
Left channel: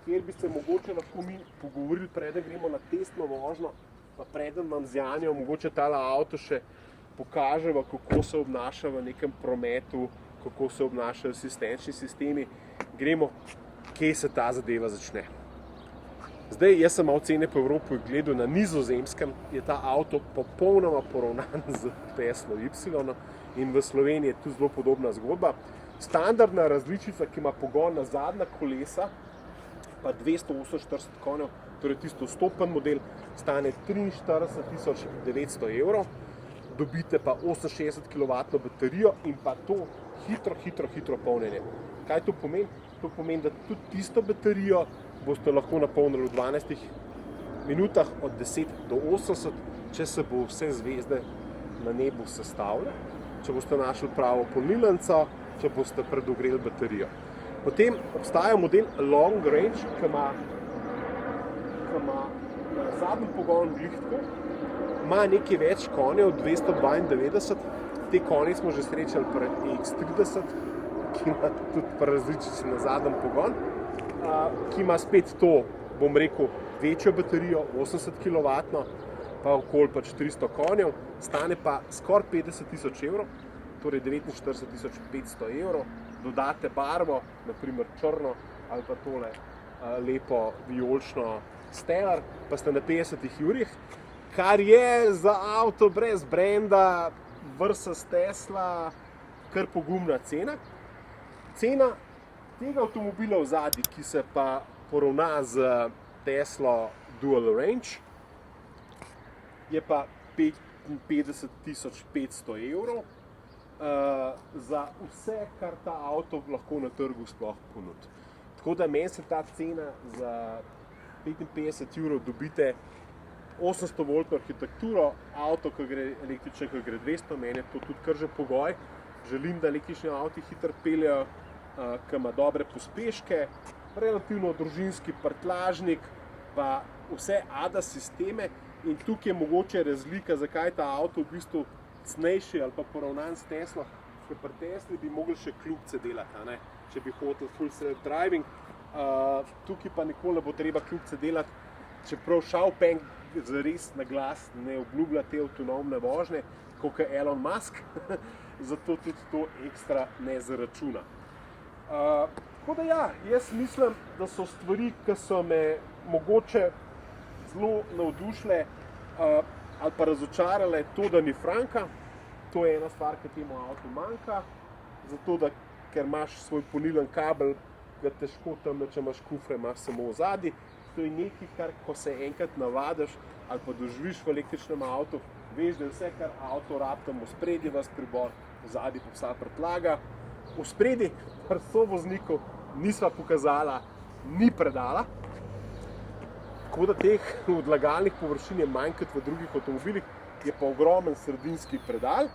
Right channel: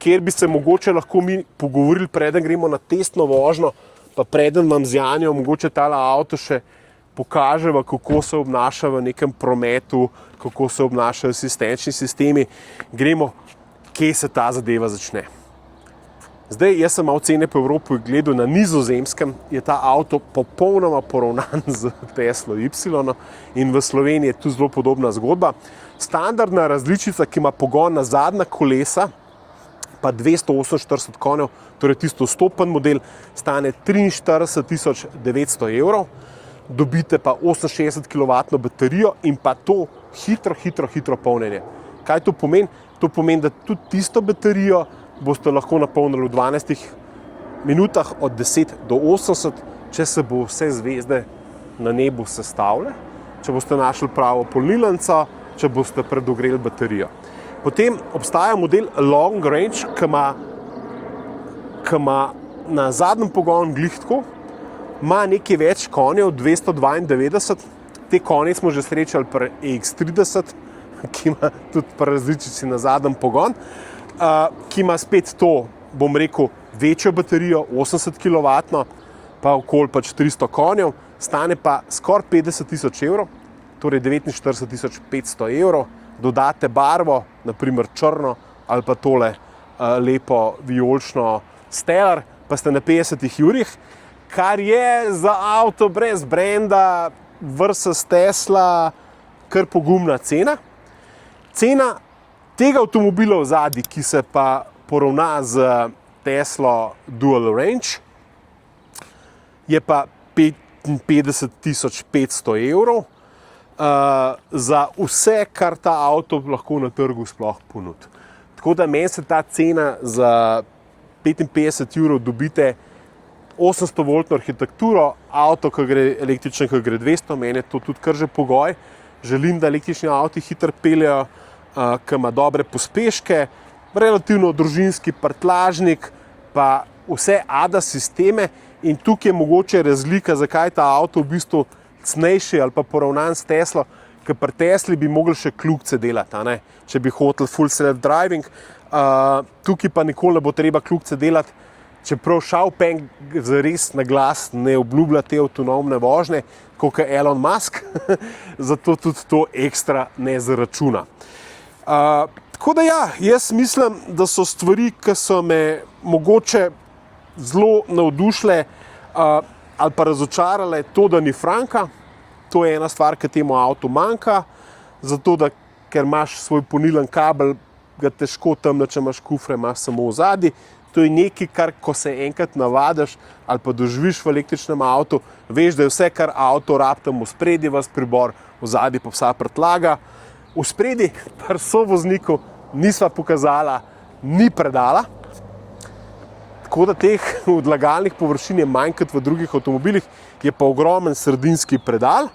kjer bi se mogoče lahko mi pogovorili, preden gremo na testno vožnjo, pa preden vam z Janjo mogoče tale avto še pokaževa, kako se obnaša v nekem prometu, kako se obnašajo asistenčni sistemi, gremo, kje se ta zadeva začne. Zdaj, jaz sem malo cene po Evropi gledal, na Nizozemskem je ta avto popolnoma poravnan z Teslo Y in v Sloveniji je tu zelo podobna zgodba. Standardna različica, ki ima pogon na zadnja kolesa, pa 248 konjev, torej tisto stopen model, stane 43 900 €, dobite pa 68 kW baterijo in pa to hitro polnjenje. Kaj to pomeni? To pomeni, da tudi tisto baterijo boste lahko napolnili v 12 minutah od 10 do 80, če se bo vse zvezde na nebu sestavile, če boste našli pravo polnilnico, če boste predogreli baterijo. Potem obstaja model Long Range, ki ima na zadnjem pogonu glih tako, ima nekaj več konjev, 292, te konje smo že srečali pri EX30, ki ima tudi pri različici na zadnjem pogon, ki ima spet to, bom rekel, večjo baterijo, 80 kW, pa okoli 300 konjev, stane pa skoraj 50 000 evrov, torej 49 500 evrov, dodate barvo, naprimer črno ali pa tole lepo vijolično Stellar, pa ste na 50 jurjih, kar je za avto brez brenda versus Tesla kar pogumna cena. Cena tega avtomobila v zadnji, ki se pa poravna z Tesla Dual Range, je pa 55 500 evrov za vse, kar ta avto lahko na trgu sploh ponudi. Tako da meni se ta cena za 55 evrov dobite 800-voltno arhitekturo, avto, ki gre električen, ki gre 200, meni je to tudi kar že pogoj. Želim, da električni avti hitro peljejo, ki ima dobre pospeške, relativno družinski prtljažnik, pa vse ADAS sisteme in tukaj je mogoče razlika, zakaj je ta avto v bistvu cenejši ali pa poravnan s Teslo, ker pri Tesli bi mogli še kljukce delati, ne? Če bi hotel full self-driving, tukaj pa nikoli ne bo treba kljukce delati, čeprav Xiaopeng zares na glas ne obljublja te avtonomne vožnje, kot je Elon Musk, zato tudi to ekstra ne zaračuna. Tako da ja, jaz mislim, da so stvari, ki so me mogoče zelo navdušile ali pa razočarale, to, da ni franka. To je ena stvar, ki temu avtu manjka, zato da, ker imaš svoj polnilni kabel, ga težko tam, če imaš kufre, imaš samo v zadnji. To je nekaj, kar ko se enkrat navadiš ali pa doživiš v električnem avtu, veš, da je vse, kar avto rabi tam v spredje, vas pribor, v zadnji pa vsa prtljaga. V spredje pa sovozniku nisva pokazala, ni predala, tako da teh odlagalnih površin je manj kot v drugih avtomobilih, je pa ogromen sredinski predal.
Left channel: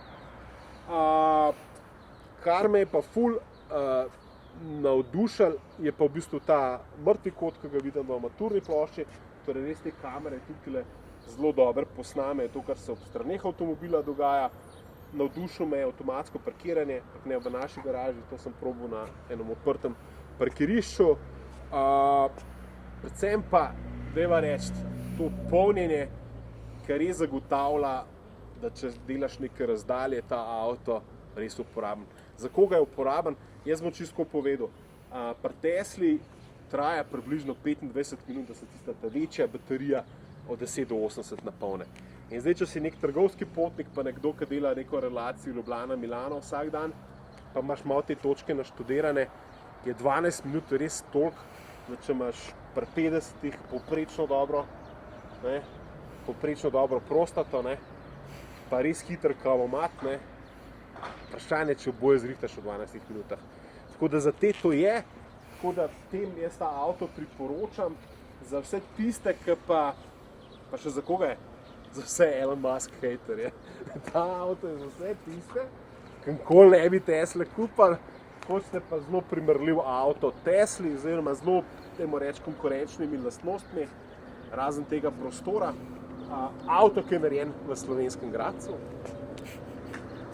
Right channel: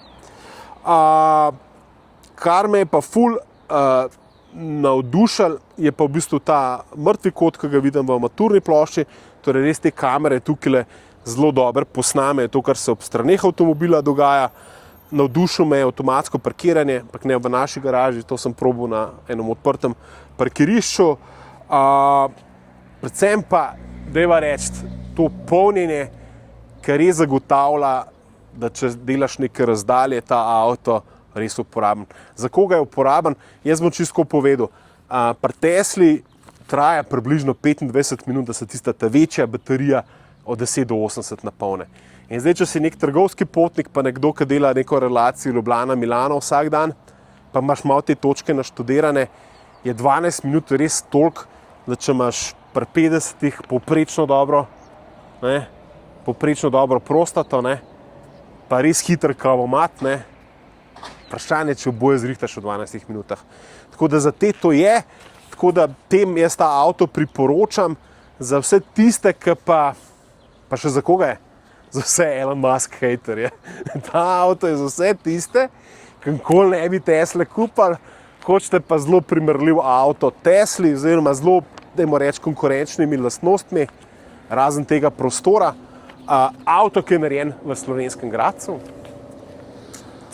Kar me je pa ful navdušil, je pa v bistvu ta mrtvi kot, ki ga vidim v armaturni plošči, torej res te kamere tukaj zelo dobro posnamejo to, kar se ob straneh avtomobila dogaja. Navdušil me je avtomatsko parkiranje, ampak ne v naši garaži, to sem probal na enem odprtem parkirišču. Predvsem pa, dajva reči, to polnjenje, kar res zagotavlja, da če delaš neke razdalje, ta avto res uporaben. Za koga je uporaben? Jaz bom čisto povedal. Pri Tesli traja približno 25 minut, da se tista ta večja baterija od 10 do 80 napolne. In zdaj, če si nek trgovski potnik, pa nekdo, ki dela neko relacijo Ljubljana-Milano vsak dan, pa imaš malo te točke naštudirane, je 12 minut res toliko, da če imaš pri 50-ih poprečno dobro prostato, pa res hiter kavomat, vprašanje, če oboje zrihtaš v 12 minutah. Tako da za te to je, tako da tem jaz ta avto priporočam, za vse tiste, ki pa še za koga je? Za vse Elon Musk hejterje. Ta avto je za vse tiste, ki nikoli ne bi Tesle kupili, hočete pa zelo primerljiv avto Tesli, oziroma zelo, dajmo reči, konkurenčnimi lastnostmi, razen tega prostora. Avto, ki je narejen v Slovenskem Gradcu.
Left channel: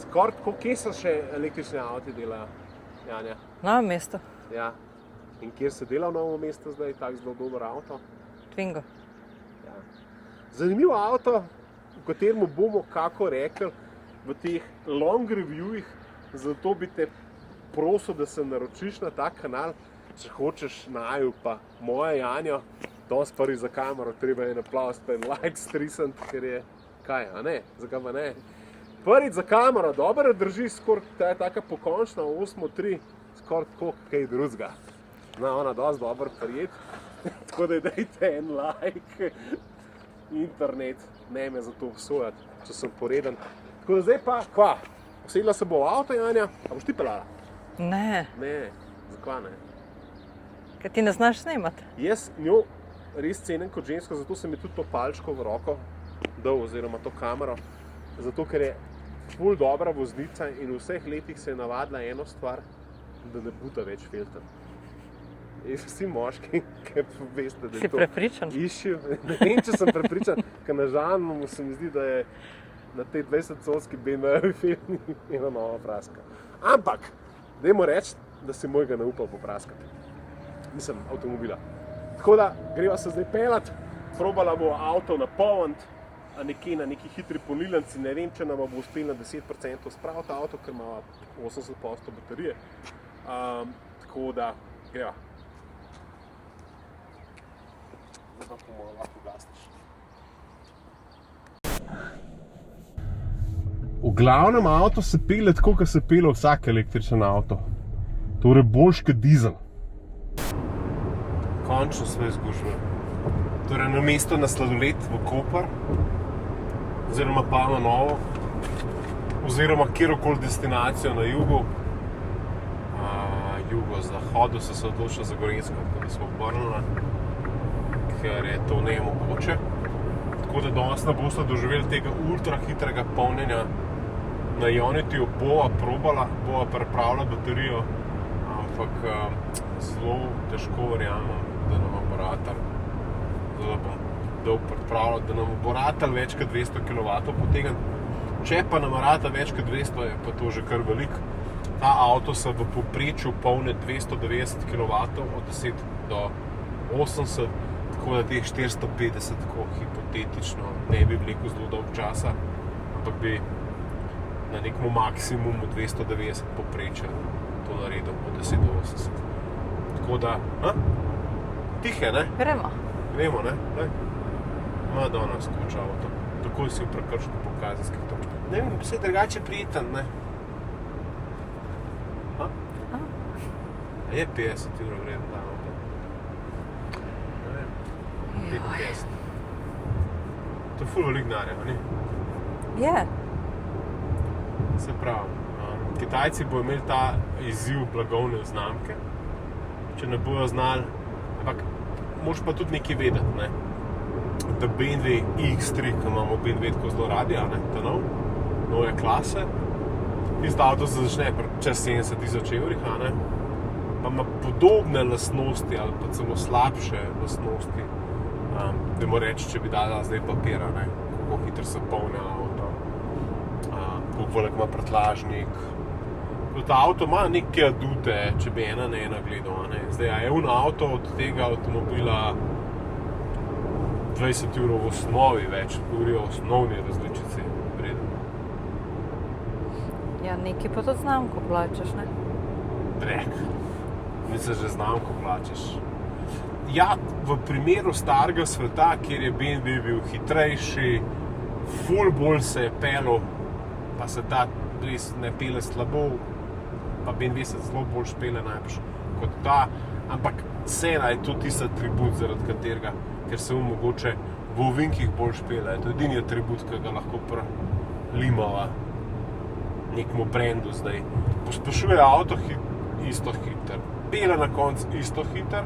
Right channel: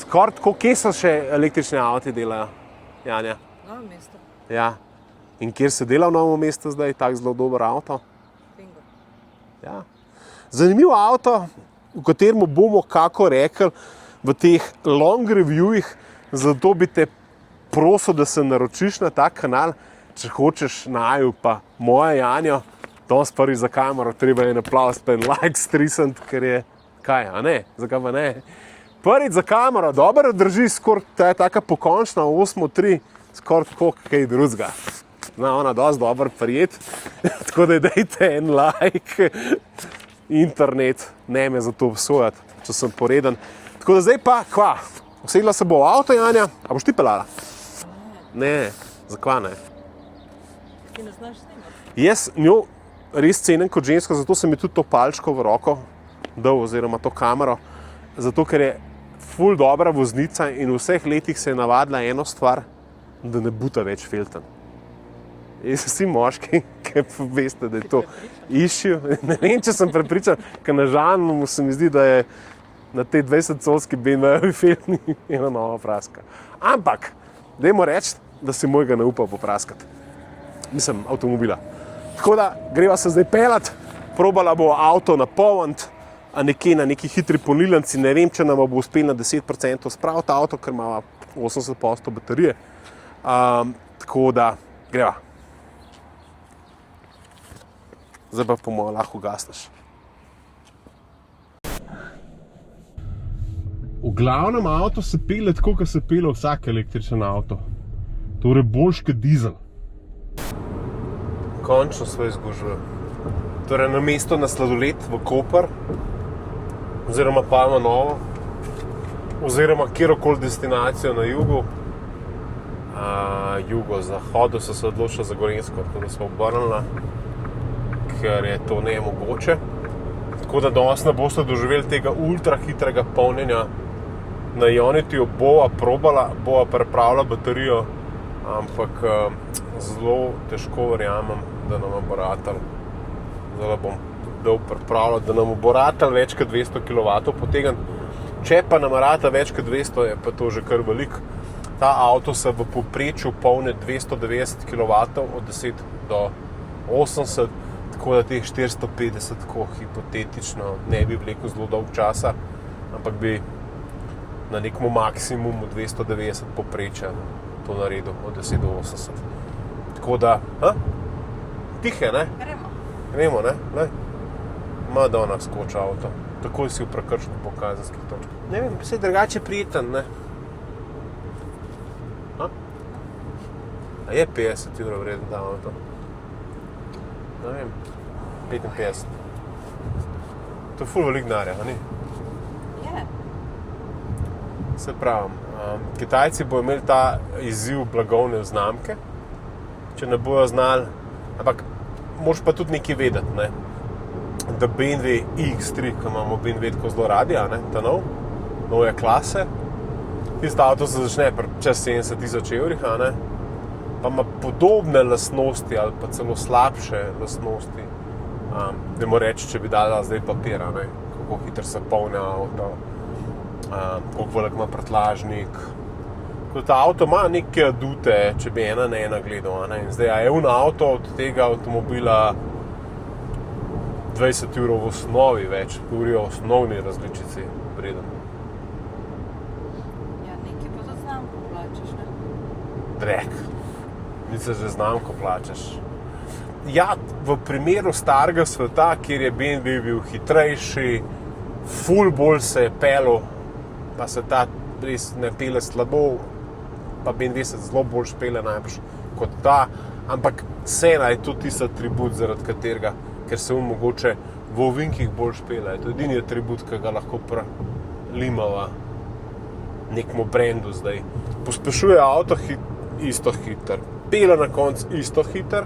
Skoraj tako, kje so še električni avti delajo, Janja? Novo mesto. Ja. In kjer se dela v Novo mesto zdaj, tak zelo dober avto? Twingo. Ja. Zanimiv avto, v katerem bomo, kako rekli, v teh long reviewih, zato bi te prosil, da se naročiš na ta kanal, če hočeš naju pa moja Janjo, danes prvi za kamero, treba je naplaviti pa en like strisant, ker je, kaj, a ne, zakaj pa ne? Prvič za kamero, dobro drži, skoraj ta je taka pokončna, 8.3, skoraj tako kaj drugega. Zna ona dosti dobro prijet, tako da dajte en like. Internet, ne me za to obsojati, če sem poreden. Tako da zdaj pa, kva, usedla se bo v avto, Janja, a boš ti peljala? Ne, Ne, zakva ne? ker ti ne znaš snemati. Jaz njo res cenim kot žensko, zato sem mi tudi to palčko v roko dal, oziroma to kamero, zato ker je ful dobra voznica in v vseh letih se je navadila eno stvar, da ne buta več filten. In vsi moški, ki veste, da je to issue, ne vem, če sem prepričan, ker na žalmu se mi zdi, da je na tej 20-covski BMW filtni ena nova praska. Ampak, dajmo reči, da si mojega ne upa popraskati. Mislim, avtomobila. Tako da, greva se zdaj pelat, probala bo avto napolniti, a nekje na neki hitri polnilnici, ne vem, če nam bo uspelo na 10% spraviti avto, ker ima 80% baterije. Tako da, greva. Zdaj pa po mojem lahko gasneš. V glavnem avto se pele tako, kot se pele vsak električen avto. Torej boljš kot dizel. Končno sve izgužuje. Torej namesto na sladoled v Koper, oziroma Palma Novo, oziroma kjerokoli destinacijo na jugu, jugozahodu so se odločili za Gorenjsko, tako da smo obrnili, ker je to nemogoče. Tako da danes ne boste doživeli tega ultra hitrega polnjenja. Na Ionity bova probala, bova pripravila baterijo, ampak zelo težko verjamem, da nam bo ratal. Zdaj bom dal pripravljati, da nam bo ratal več kot 200 kW potegniti. Če pa nam rata več kot 200, je pa to že kar veliko. Ta avto se v povprečju polni 290 kW od 10 do 80, tako da teh 450, tako hipotetično, ne bi vlekel zelo dolg časa, ampak bi na nekom maksimumu 290 povprečja to naredil od 10 do 80. Tako da, tihe, ne? Gremo, ne? Madonna skoča avto. Takoj si v prekršku po kazenskih točkah. Ne vem, si drugače prijeten, ne? A je 50 € vreden ta avto? Ne vem, 55. To je ful veliko denarja, a ni? Je. Se pravim, Kitajci bodo imeli ta izziv blagovne znamke, če ne bojo znali, ampak moraš pa tudi nekaj vedeti, ne? Da BMW X3, ki imamo BMW tako zelo radi, a ne? Ta nove klase, tisto avto se začne čez 70 000 €, a ne? Pa ima podobne lastnosti ali pa celo slabše lastnosti. Dajmo reči, če bi dala zdaj papir, a ne? Kako hitro se polni avto, koliko velik ima prtljažnik. Ta avto ima neke adute, če bi ena na ena gledal, a ne? Zdaj, a je avto od tega avtomobila 20 € v osnovi več, govorijo o osnovni različici vreden. Ja, nekaj pa tudi znamko plačaš, ne? Drek. Misliš, že znamko plačaš. Ja, v primeru starega sveta, kjer je BMW bil hitrejši, ful bolj se je pelil, pa se ta res ne pele slabo, pa BMW se zelo bolj špele najbrž kot ta, ampak cena je tudi tisti atribut, zaradi katerega, ker se mogoče v ovinkih bolj špele. To je edini atribut, ki ga lahko limava nekmu brendu zdaj. Pospešuje avto isto hiter, pele na koncu isto hiter,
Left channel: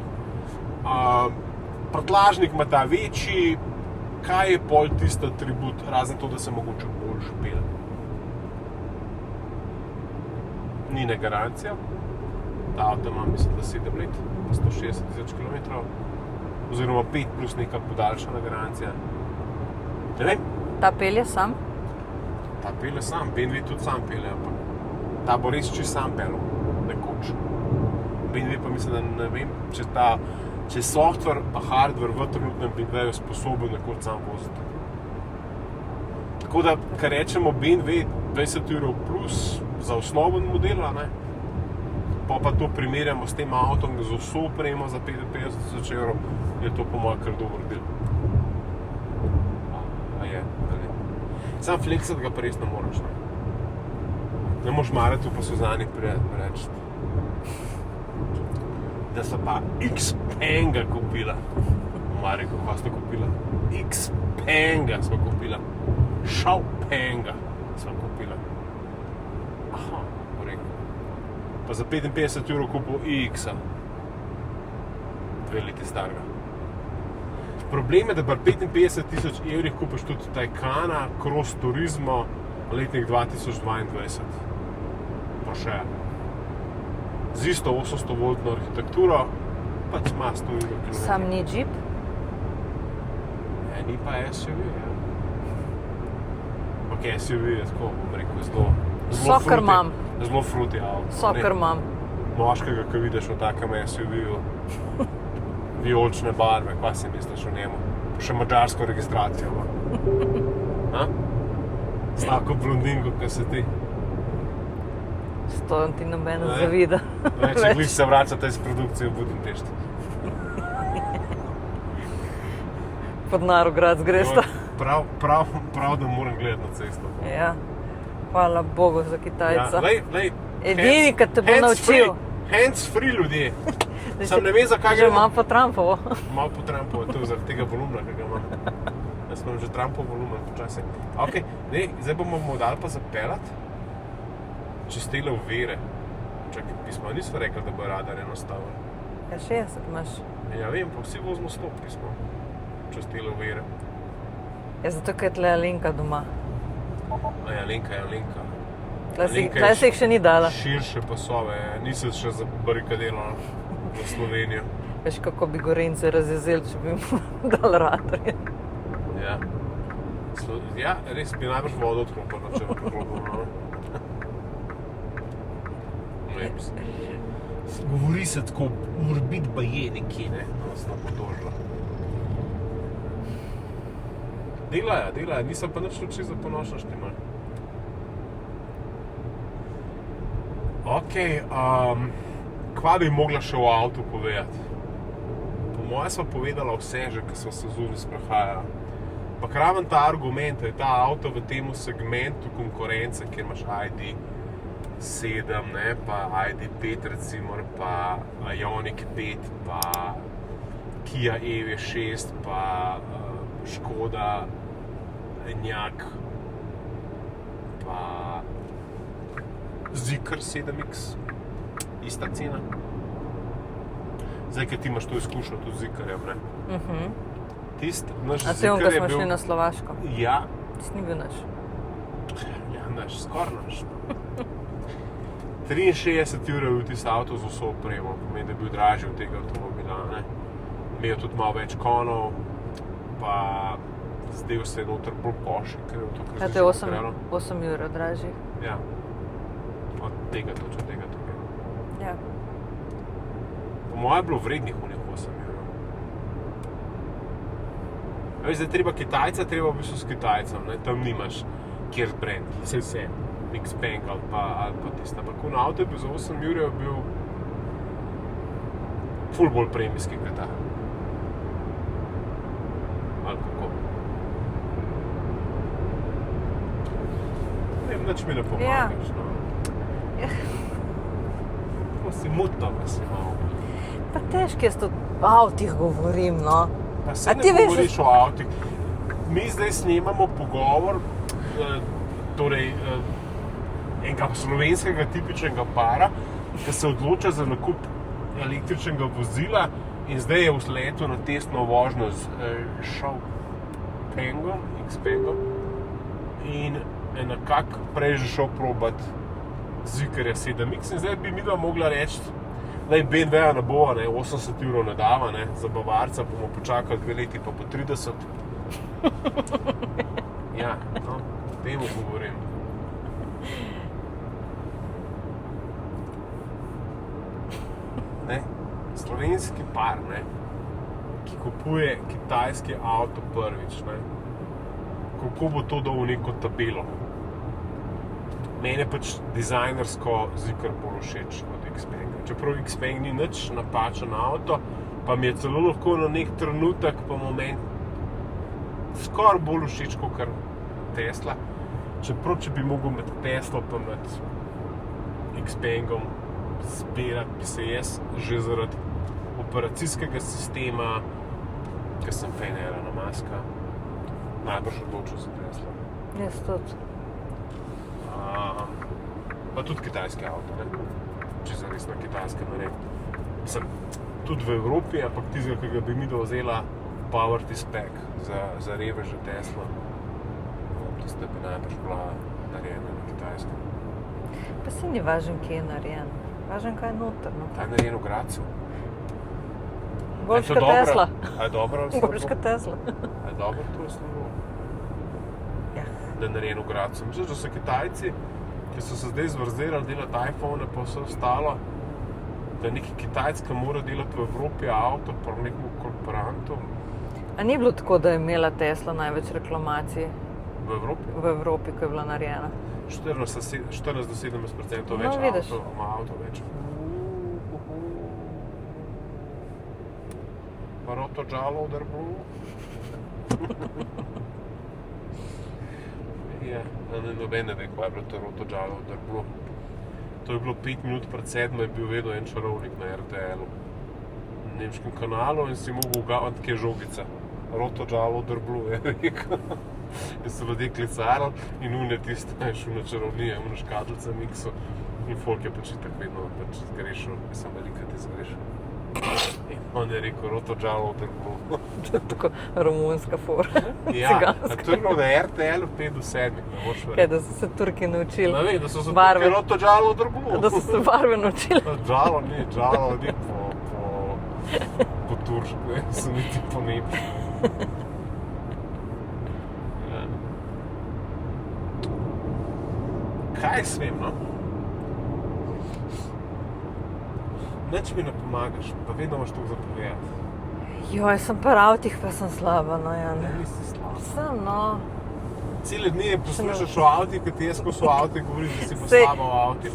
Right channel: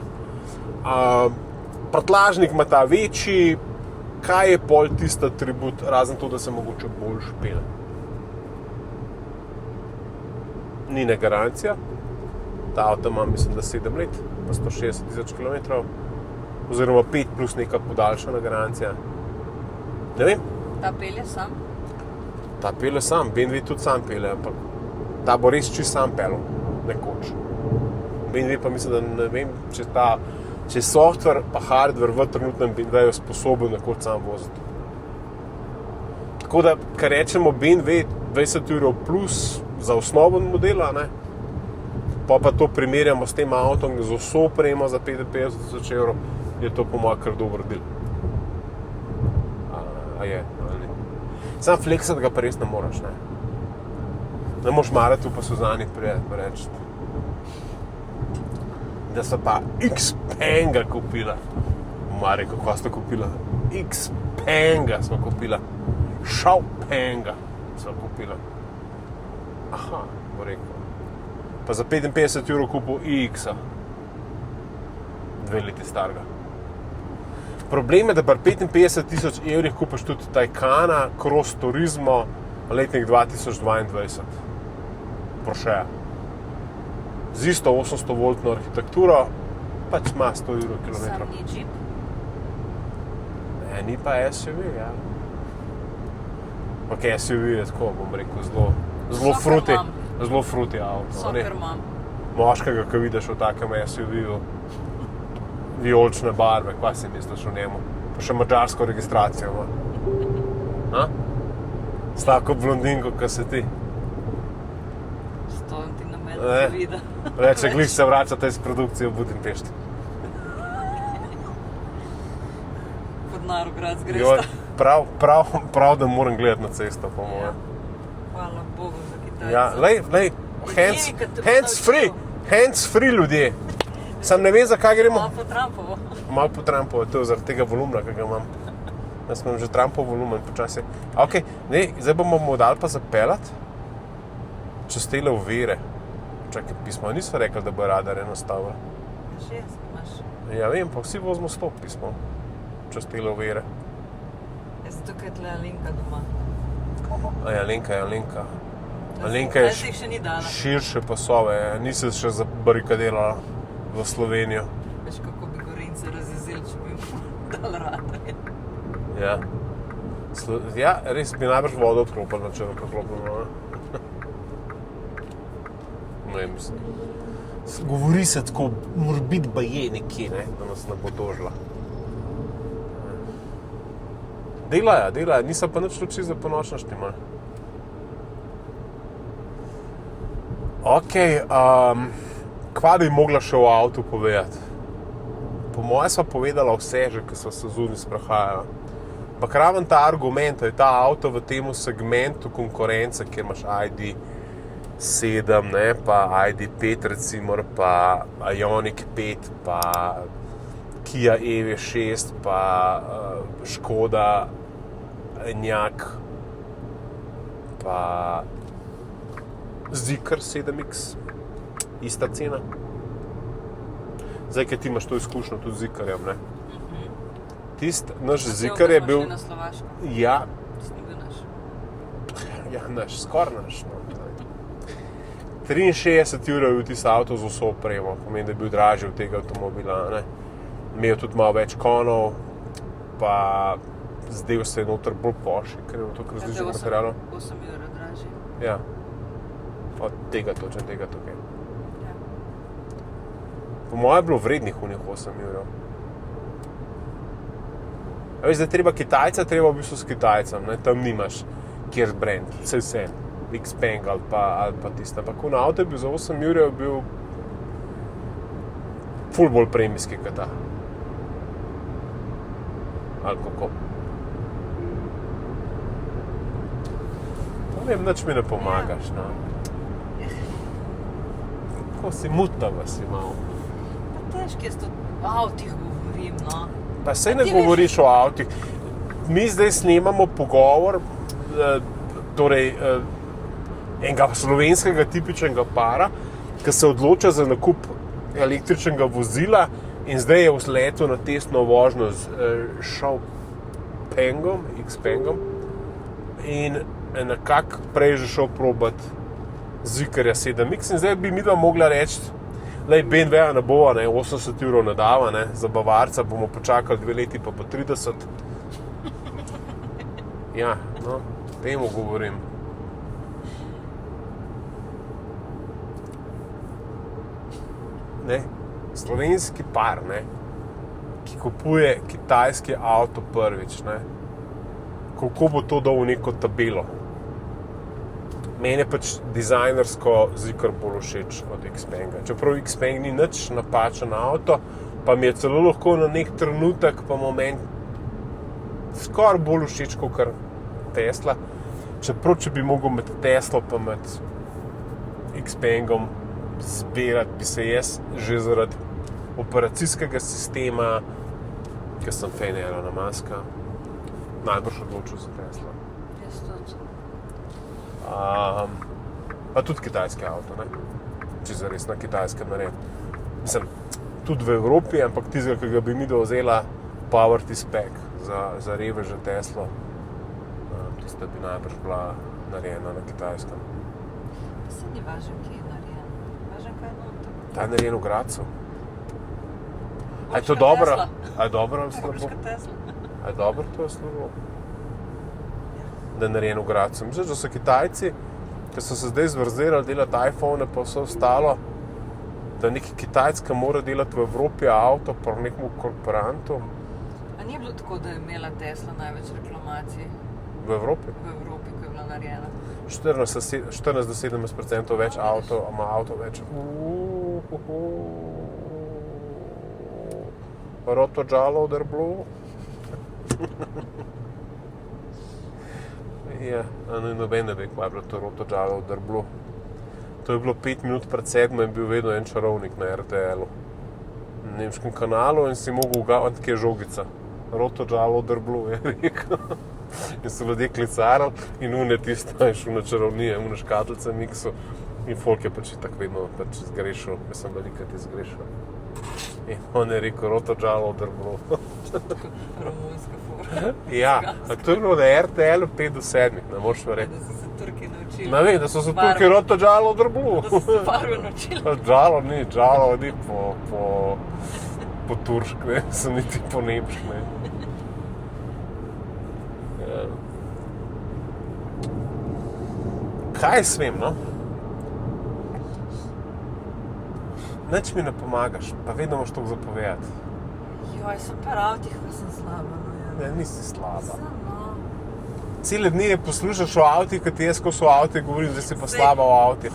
prtljažnik ima ta večji, kaj je pol tisti atribut, razen to, da se mogoče bolj špele. Ni ne garancija, ta avto ima mislim, da 7 let, pa 160 000 km, oziroma 5 plus neka podaljšana garancija. Ne vem. Ta pelje sam? Ta pelje sam, BMW tudi sam pelje, ampak ta bo res čisto sam pelil, nekoč. BMW pa mislim, da ne vem, če software pa hardware v trenutnem BMW-ju sposoben nekoč sam voziti. Tako da, kar rečemo BMW 20 € plus za osnoven model, ne? Pa to primerjamo s tem avtom z vso opremo za 55 000 €, je to po mojem kar dober del. Je. Sam fleksat ga pa res ne moraš, ne? Ne moraš marati pa Suzani reči, da so pa Xpanga kupila. Mare, kako sta kupila? Xpanga smo kupila. Xiaopanga smo kupila. Aha, bo rekel. Pa za 55 € kupil iX-a. 2 leti starega. Problem je, da pri 55 000 evrih kupiš tudi Taycana Cross Turismo letnik 2022. Porsche. Z isto 800-voltno arhitekturo, pač ima 100 evrov kilometrov. Sam ni Jeep? Ni pa SUV, ja. Ok, SUV je tako, bom rekel, Soccer mom. zelo fruti avto. Soccer mom. Moškega, ki vidiš v takem SUV-ju, vijolične barve, kaj si misliš o njemu? Še madžarsko registracijo ima. S tako blondinko, kot si ti. To ti noben ne zavida. Reče, glih se vračate iz produkcije v Budimpešti. Pod Narograd gresta. Prav, da moram gledati na cesto. Ja. Hvala Bogu za Kitajca. Lej, Edini, ki te bo naučil. Hands free ljudje. Sam ne vem, zakaj Že gremo. imam po Trumpovo. Malo po Trumpovo, to je zaradi tega volumna, ki ga imam. Jaz imam že Trumpov volumen počasi. Ok, zdaj bomo dali pa zapeljati čez tele ovire. Čakaj, pismo niso rekli, da bo radar enostavno. Ja, 60 imaš. Ja vem, pa vsi vozimo 100 pismo čez tele ovire. Ja, zato, ker je tle Alenka doma. Alenka. Tle se jih še ni dala. Širše pasove, nisem še zabarikadirala v Slovenijo. Veš, kako bi Gorenjce razjezili, če bi jim dal radarje. Ja. Ja, res bi najbrž vodo odklopila, če bi odklopila. Govori se tako, mora biti baje nekje, ne, da nas ne bo tožila. Delajo, nisem pa nič lepši za ponočna štimal. Ok, kva bi mogla še v avtu povedati? Po moje sva povedala vse že, ki so se zunaj sprehajala. Pa raven ta argument, da je ta avto v tem segmentu konkurence, kjer imaš ID.7, ne, pa ID.5 recimo, pa Ioniq 5, pa Kia EV6, pa Škoda Enyaq, pa Zeekr 7X, ista cena. Zdaj, ker ti imaš to izkušnjo tudi z Zeekrjem, ne? Tist, naš Zeekr je bil... A na Slovaško? Ja. Tist ni bil naš? Ja, naš, skoraj naš. 63 evrov je bil tisti avto z vso opremo, pomeni, da je bil dražji od tega avtomobila, ne? Imel tudi malo več konov, pa zdel se je noter bolj Porsche, ker je v toliko različnih materialov. 8 evrov dražji. Ja. Od tega točno, tega tukaj. Ja. Po mojem je bilo vrednih unih 8 evrov. Zdaj treba Kitajca, treba v bistvu s Kitajcem, ne? Tam nimaš kjer brand, vse, Xpeng ali pa tiste. Ampak v avto je bil za 8 evrov bil ful bolj premijski kot ta. Ali kako? Ne vem, nič mi ne pomagaš, no. Kako si mutava si malo. Pa težko jaz to o avtih govorim, no. Pa se ne govoriš o avtih. Mi zdaj snemamo pogovor, torej enega slovenskega tipičnega para, ki se odloča za nakup električnega vozila in zdaj je v letu na testno vožnjo z Xpengom in nekako prej že šel probat Zeekrja 7X in zdaj bi midva mogla reči, BMW-ja ne bova, 80 evrov ne dava, za Bavarca bomo počakali 2 leti pa po 30. Ja, no, temu govorim. Slovenski par, ki kupuje kitajski avto prvič, kako bo to dal v neko tabelo. Meni je pač dizajnersko Zeekr bolj všeč od Xpenga. Čeprav Xpeng ni nič napačen avto, pa mi je celo lahko na nek trenutek pa moment skoraj bolj všeč kot Tesla. Čeprav, če bi mogel med Teslo pa med Xpengom zbirati, bi se jaz že zaradi operacijskega sistema, ker sem fan Elona Muska, najbrž odločil za Tesla. Jaz tudi. Pa tudi kitajski avto, če zares na kitajskem naredim. Mislim, tudi v Evropi, ampak tistega, ki ga bi midva vzela Poverty spec za reveže Tesla. Tista bi najbrž bila narejena na Kitajskem. Pa se ni važen, kje je narejen. Važen, kaj je noter. Ta je narejen v Gradcu. Boljš kot Tesla. A je dobro ali slabo? Boljš kot Tesla. A je dobro to je slabo? Ja. Da je narejen v Gradcu. Misliš, da so Kitajci, ki so se zdaj zvrzirali delati iPhone pa vse ostalo, da neki Kitajska mora delati v Evropi avto po nekom korporantu? A ni bilo tako, da je imela Tesla največ reklamacij V Evropi? v Evropi, ko je bila narejena? 14 do 17% več No, vidiš. ima avto več. Roto Giallo del Blu. Ja, noben ne bi kvabil to Roto Giallo del Blu. To je bilo 5 minut pred 7 in bil vedno en čarovnik na RTL-u. Na nemškem kanalu in si mogel ugavati, kje je žogica. Roto Giallo del Blu, je rekel. In so ljudje klicali in une tisto je šel na čarovnije, une škatlice miksu. In folk je pač tako vedno zgrešil, mislim, velika ti zgrešil. In on je rekel, Roto Giallo del Blu. Tako romunska forma. Ja, to je bilo na RTL-u 5 do 7, ne moš verjeti. Da so se Turki naučili. Ne vem, da so se barve. Turki Roto Giallo del Blu. Da so se barve naučili. Giallo ni po turšk, ne, so niti po nemšk, ne. Ja. Kaj smem, no? Nič mi ne pomagaš, pa vedno imaš toliko za povedati. Joj, sem pa avtih, pa sem slaba, no, Jan. Ne, nisi slaba. Sem, no. Cele dni je poslušaš o avtih, kad jaz, ko so avti, govorim, da si pa Sej. slaba o avtih.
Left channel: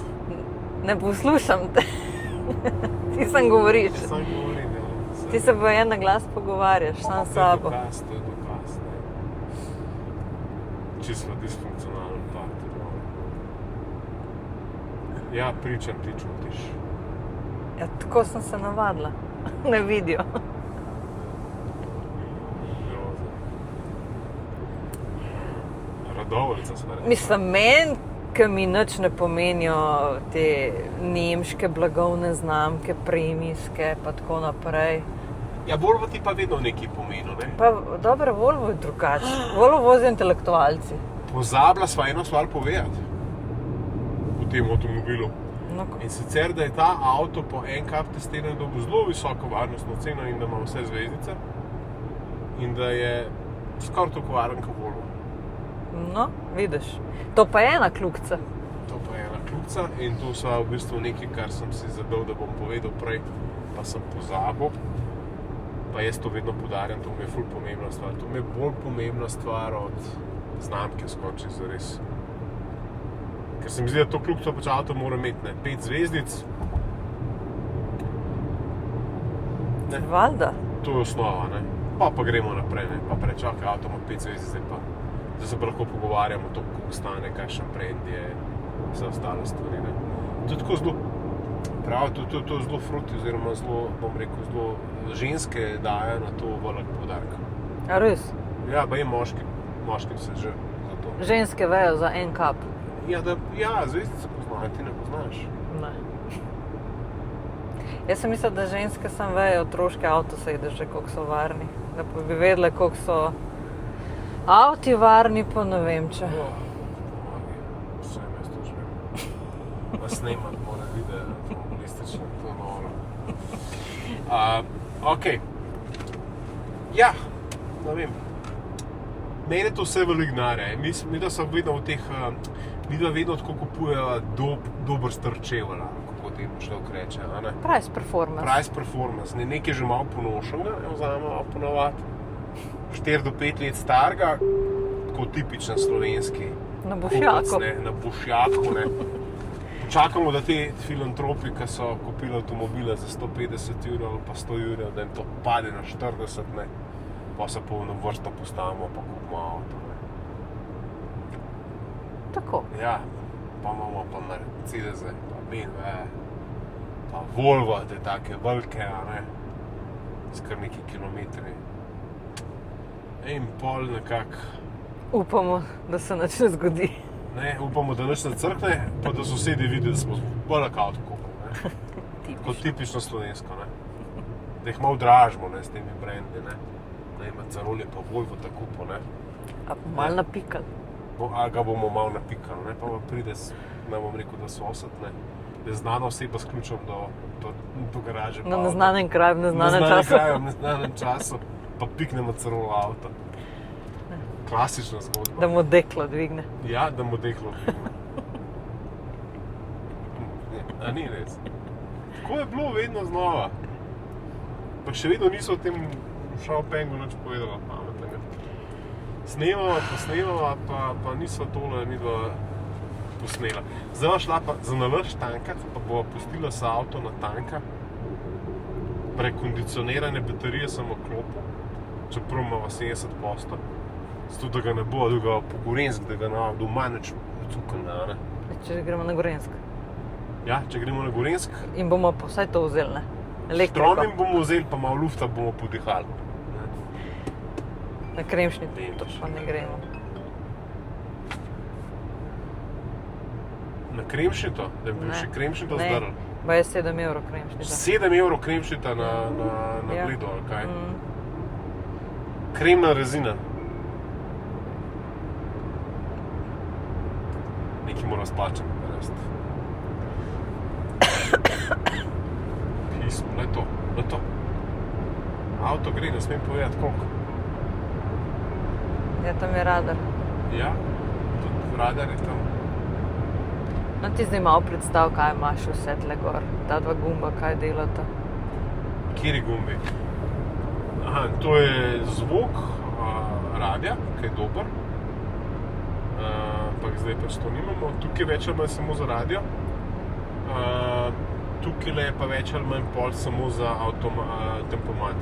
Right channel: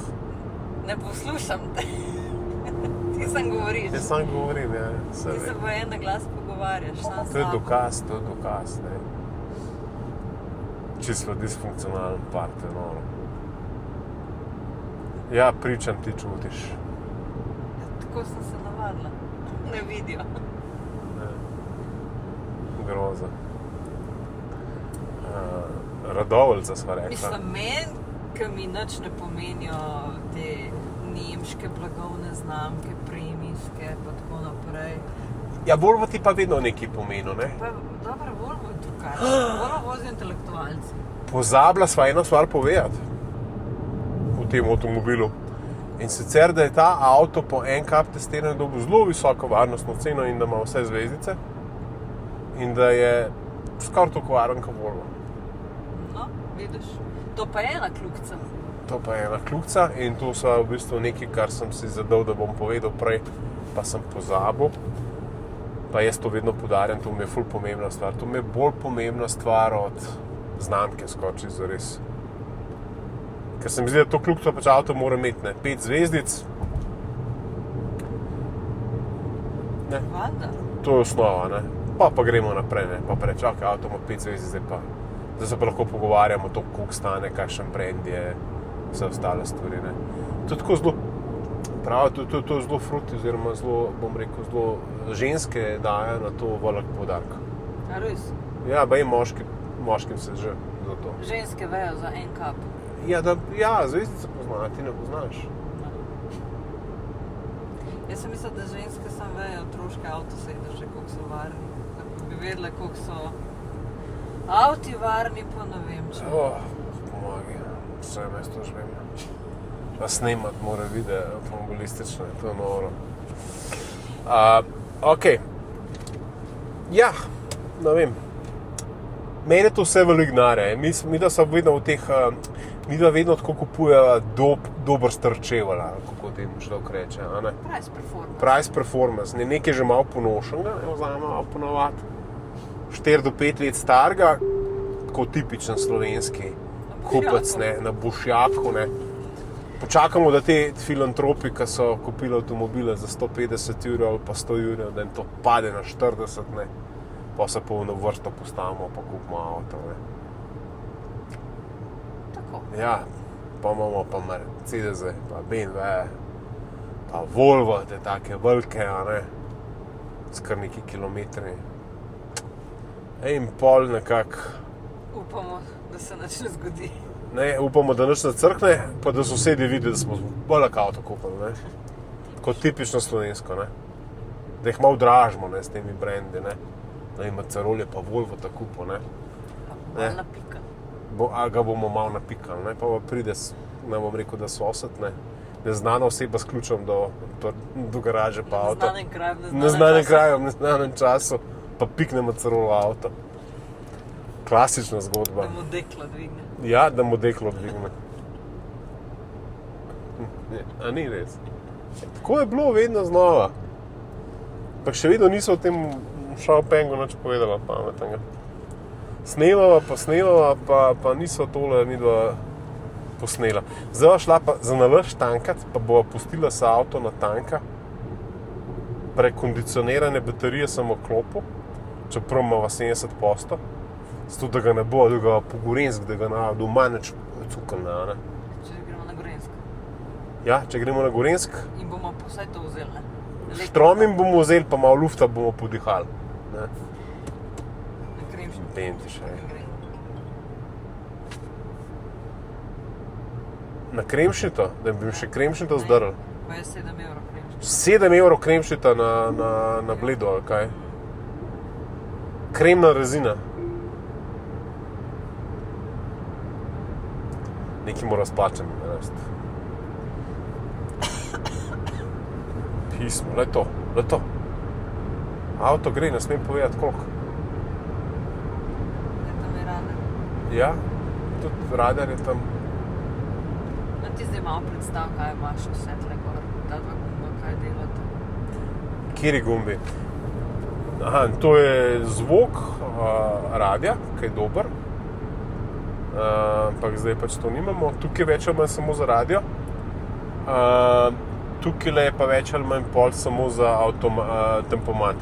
Ne poslušam te. Ti sam govoriš. Jaz sam govorim, ja. Ti se v en glas pogovarjaš, sam s To je sabo. dokaz, ne. Čisto disfunkcionalen partner, no. Ja, pričam, ti čutiš. Ja, tako sem se navadila. Ne vidijo. Groza. Radovljica sva rekla. Mislim, meni, ki mi nič ne pomenijo te nemške blagovne znamke, premijske, pa tako naprej. Ja, Volvo ti pa vedno nekaj pomenil, ne? Pa dobro, Volvo je drugače. Volvo vozijo intelektualci. Pozabila sva eno stvar povedati v tem avtomobilu. No, In sicer, da je ta avto po NCAP testiranju dobil zelo visoko varnostno ceno in da ima vse zvezdice. In da je skoraj toliko varen kot Volvo. no, vidiš. To pa je ena kljukica. To pa je ena kljukica in to so v bistvu nekaj, kar sem si zadal, da bom povedal prej, pa sem pozabil. Pa jaz to vedno poudarjam, to mi je ful pomembna stvar. To mi je bolj pomembna stvar od znamke skoči zares. Ker se mi zdi, da to kljukico pač avto mora imeti, ne? 5 zvezdic. Ne? Valjda. To je osnova, ne? Pa gremo naprej, ne? Pa reči, ok, avto ima 5 zvezdic, zdaj se pa lahko pogovarjamo to, koliko stane, kakšen brand je, vse ostale stvari, ne? To je tako zelo, pravi, to je zelo fruti, oziroma zelo, bom rekel, zelo ženske daje na to velik poudarek. A res? Ja, baje moškim se že za to. Ženske vejo za NCAP. Ja, zvezdice poznajo, ti ne poznaš. Ne. Jaz sem mislila, da ženske sam vejo otroške avtosedeže, koliko so varni. Da pa bi vedele, koliko so avti varni, pa ne vem če. Pomagi, vse jaz to že vem. Pa snemat mora videe avtomobilistične, to je noro. Ok. Ja, ne vem. Mene to vse veliko denarja. Mi da so vedno v teh, mi da vedno tako kupujejo dober strčeval, kako temu človek reče, a ne? Price performance. Price performance, ne nekaj že malo ponošenega, ne vzamemo malo ponovati. 4 do 5 let starega, tako tipičen slovenski Na kupec, bušjaku. ne, na bušjaku, ne. Počakamo, da te filantropi, ki so kupili avtomobile za 150 € ali pa 100 €, da jim to pade na 40, ne. Pa se polno vrsto postavimo, pa kupimo avto, ne. Tako. Ja, pa imamo pa Mercedes, pa BMW, pa Volvo, te take velike, a ne, s kar neki kilometri. In pol nekako, Upamo, da se nič ne zgodi. ne, upamo, da nič ne crkne, pa da sosedi vidijo, da smo velik avto kupili, ne. Kot tipično slovensko, ne. Da jih malo dražimo, ne, s temi brendi, ne. Macarol je pa Volvo tako kupil, ne? A malo napikali. A ga bomo malo napikali, ne? Pa pride, ne bom rekel, da sosed, ne? Je znana oseba s ključem do garaže pa Na avto. neznanem kraju, v neznanem Neznanem času. kraju, v neznanem času, pa pikne Macarol v avto. Klasična zgodba. Da mu deklo dvigne. Ja, da mu deklo dvigne. A ni res? Tako je bilo vedno znova. Pa še vedno niso o tem Xiaopengu nič povedala pametnega. Snemava, pa niso tole nidva posnela. Zdaj bova šla pa za nalašč tankat, pa bova pustila se avto na tanka. Prekondicionirane baterije sem vklopil, čeprav imava 70%. Zato, da ga ne bo, da ga po Gorenjsk, da ga doma nič cukala, ne. Če gremo na Gorenjsk. Ja, če gremo na Gorenjsk, In bomo pa vsaj to vzeli, ne? Štromim bomo vzeli, pa malo lufta bomo podihali. Ne. Na Kremšnito, Dentično. pa ne gremo. Na Kremšnito, da bi še Kremšnito zdrl. Pa je 7 evrov Kremšnito. 7 evrov Kremšnita na Ja. Bledu, ali kaj? Mm. Kremna rezina. Nekaj mora splačati, res. Pismo, le to. Avto gre, ne smem povedati koliko. Ja, tam je radar. Ja, tudi radar je tam. No ti zdaj malo predstav, kaj imaš vse tle gor. Ta dva gumba, kaj delata. Kateri gumbi? Aha, to je zvok radia, ki je dober. Ampak zdaj pač to nimamo. Tukaj več ali manj samo za radio. Tukaj je pa več ali manj pol samo za tempomat.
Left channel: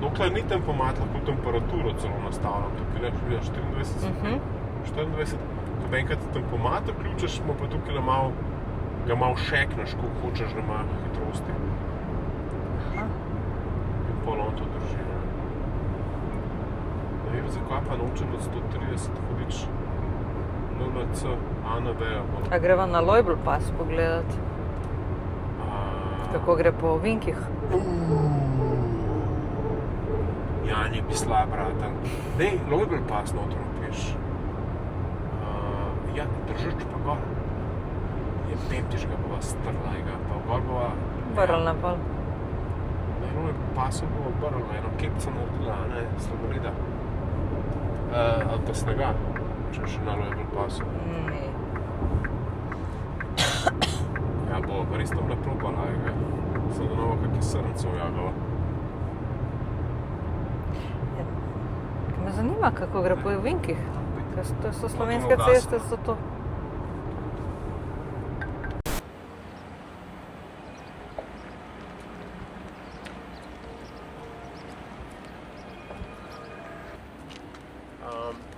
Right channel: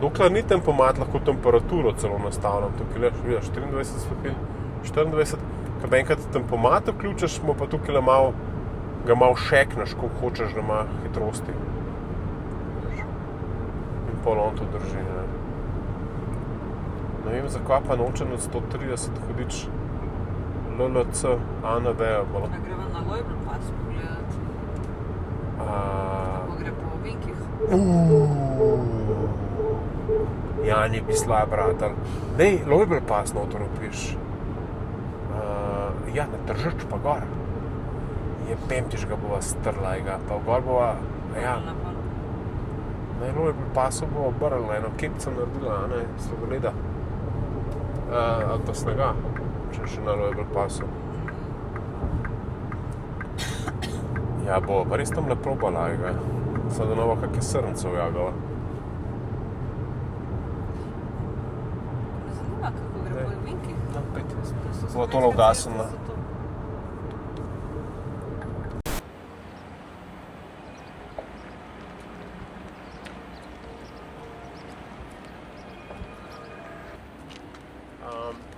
Dokler ni tempomat, lahko temperaturo celo nastavljam. Tukaj je, vidiš, 24 stopinj, 24. Ko enkrat tempomat vključiš, mu pa tukaj ga malo šekneš, koliko hočeš, da ima hitrosti. In pol on to drži. Ne vem, zakaj pa noče nad 130 hudič. LLC, ANV. A greva na Lojbl pas pogledat, kako gre po ovinkih. Jani bi slaj, bratelj. Nej, Lojbl pas noter upiš. Ja, na Tržič pa gor. Je pemtiš ga bova strla, pa gor bova... Prl na pol. Ne, Lojbl paso bova brla, eno kepca naredila, a ne, sladoleda. Ali pa snega, če še na Lojbl pasu. Ja, bova pa res tam lepo balajga. Sada novo kakje srncev jagala. Me zanima, kako gre po ovinkih. To so slovenske Lovdasen, ceste, ne? so to.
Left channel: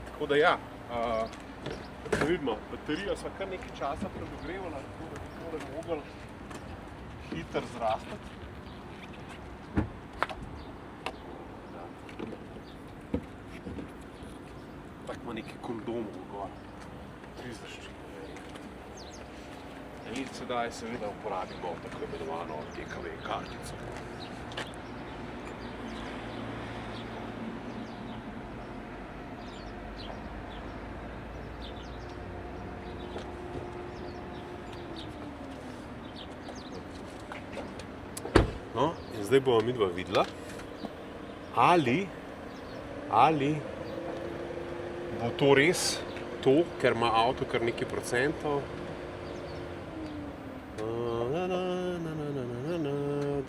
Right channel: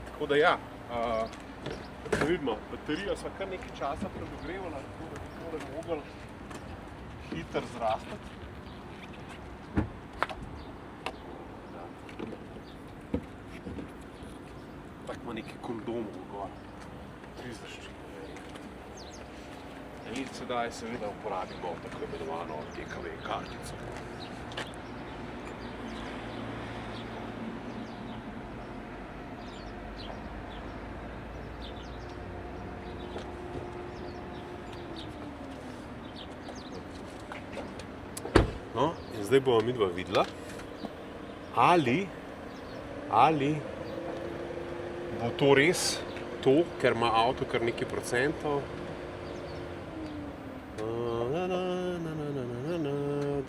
Tako da ja, vidimo, baterijo sva kar nekaj časa predogrevala, tako da bi tole mogli hitro zrastati. Tako ima nekaj kondomov gor, 3 zaščite. In sedaj seveda uporabimo tako imenovano TKV kartico. No, in zdaj bomo midva videla, ali bo to res to, ker ima avto kar nekaj procentov.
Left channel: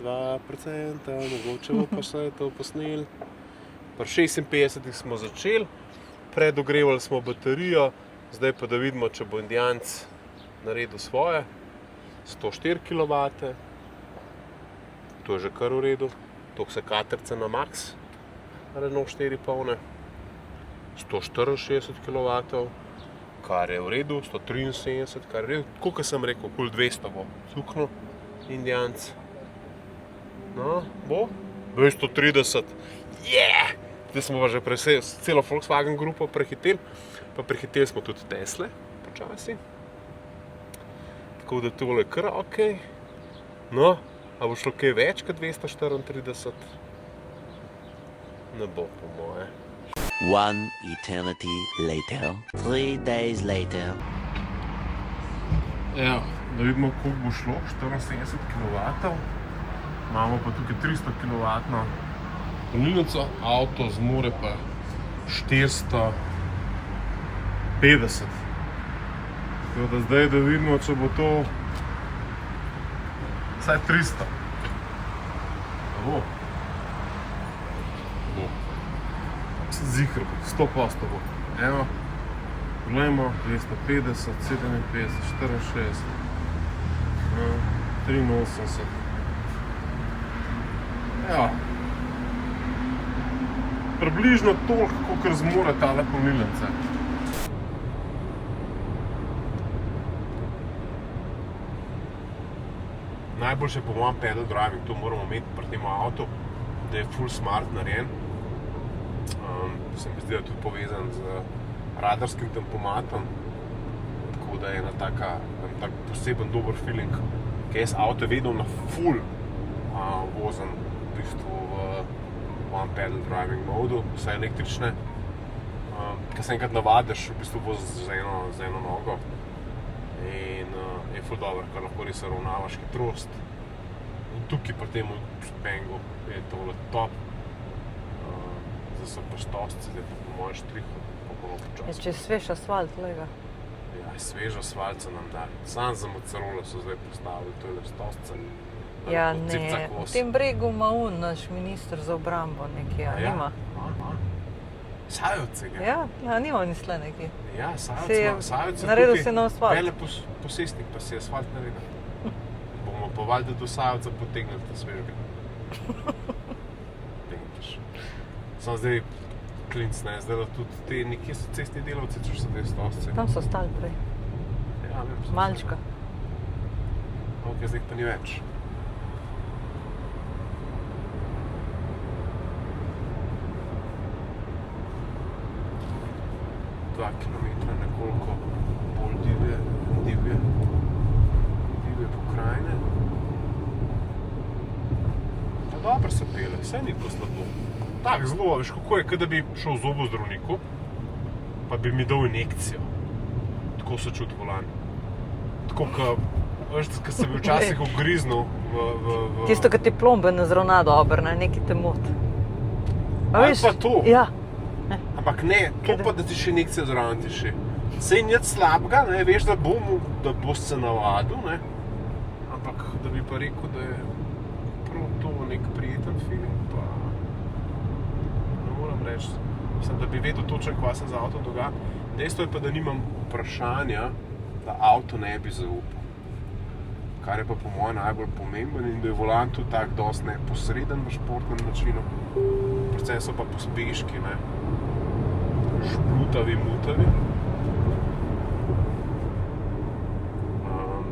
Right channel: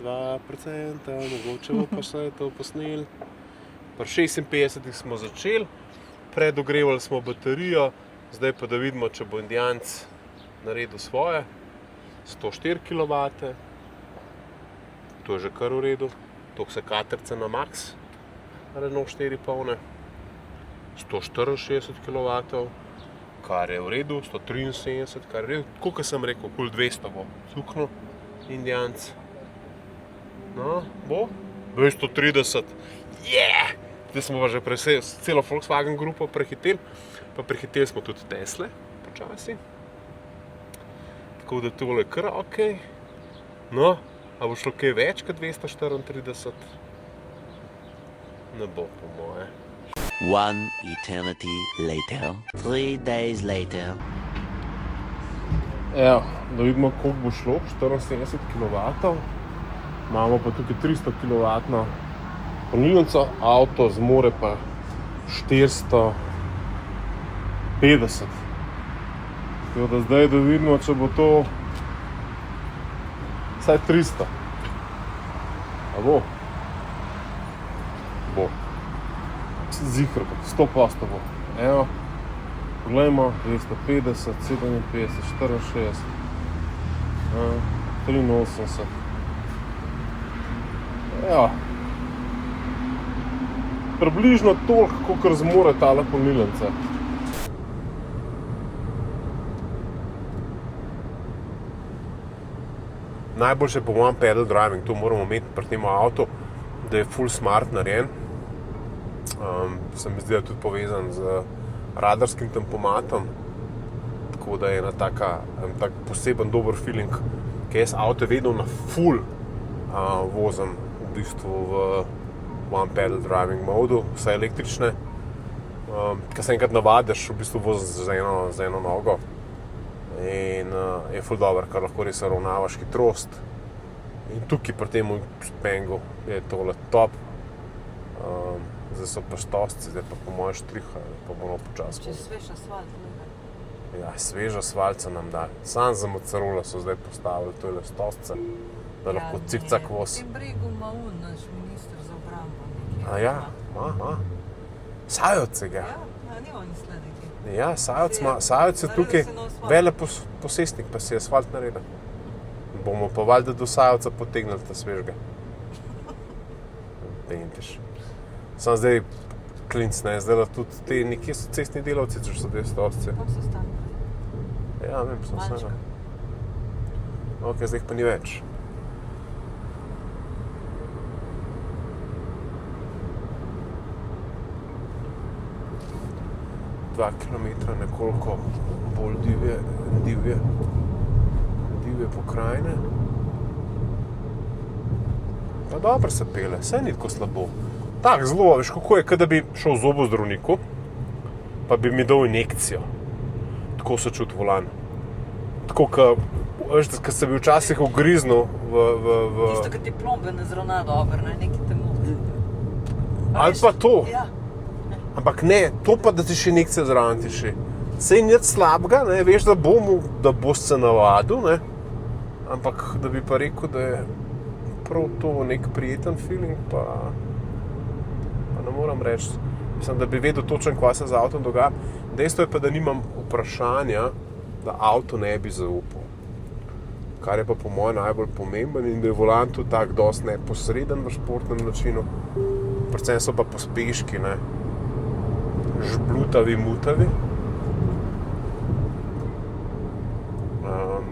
2%, mogoče bo pa se to posneli. Pri 56 smo začeli, predogrevali smo baterijo, zdaj pa da vidimo, če bo Indijanc naredil svoje. 104 kW. To je že kar v redu, toliko se katerca na max, Renault 4 polne, 164 kW, kar je v redu, 173, kar je v redu, koliko sem rekel, okoli 200 bo cuknil Indijanc. No, bo 230, zdaj smo pa že celo Volkswagen grupo prehiteli, pa prehiteli smo tudi Tesle, počasi, tako da tole je kar okej. No, a bo šlo kaj več kot 234? Ne bo po moje. One eternity later. 3 days later. Evo, da vidimo, koliko bo šlo, 74 kW. Imamo pa tukaj 300 kW polnilnico, avto zmore pa 450. Tako da zdaj, da vidimo, če bo to vsaj 300. A bo? Bo. Zihr bo, 100% bo. Evo, poglejmo, 250, 57, 64, 83. Evo. Približno toliko, kolikor zmore tale polnilnica. Najboljše po mojem pedal driving, to moramo imeti pri tem avtu, da je full smart narejen. Se mi zdi, da je tudi povezan z radarskim tempomatom, tako da je en tak poseben dober feeling, ki jaz avto vedno na full vozim v bistvu v one pedal driving modu, vse električne. Ko se enkrat navadiš, v bistvu voziš z eno nogo in je ful dobro, ker lahko res ravnavaš hitrost. In tukaj pri tem Spangu je tole top. Zdaj so pa štosci, zdaj pa po moje štriha, pa malo počasno. Če je svež asfalt, lega. Ja, svež asfalt so nam dali. Sam za Mozzarella so zdaj postavili tole stosce. Ja, ne, v tem bregu ima naš minister za obrambo nekje. A ja? Ima. Sajovec je ga. Ja, nima ni sle nekje. Ja, Sajovec je tukaj veleposestnik, pa se je asfalt naredil. Bomo pa valjda do Sajovca potegnili ta svežga. Tegnitiš. Sam zdaj klinc, ne, zdaj da tudi te nekje so cestni delavci, če so te stosci. Tam so stali prej. Ja, vem, sem Malčka. Ok, zdaj pa ni več. Dva kilometra nekoliko bolj divje pokrajine. No dobro se pele, saj ni tako slabo. Tak, zelo, veš kako je, da bi šel v zobozdravniku, pa bi mi dal injekcijo. Tako se čuti volan. Tako, veš, ko se bi včasih ugriznil v... Tisto, ki ti plombe ne zravna dobro, ne, nekaj te moti. Ali pa to. Ja. Ampak ne, to pa, da ti še injekcija zraven ti še. Sej nič slabega, ne, veš, da boš se navadil, ne. Ampak, da bi pa rekel, da je prav to nek prijeten feeling, pa ne moram reči. Mislim, da bi vedel točno, kva se z avtom dogaja. Dejstvo je pa, da nimam vprašanja, da avto ne bi zaupal. Kar je pa po mojem najbolj pomemben in da je volan tudi tak dosti neposreden v športnem načinu. Predvsem so pa pospeški, ne. Žblutavi, mutavi.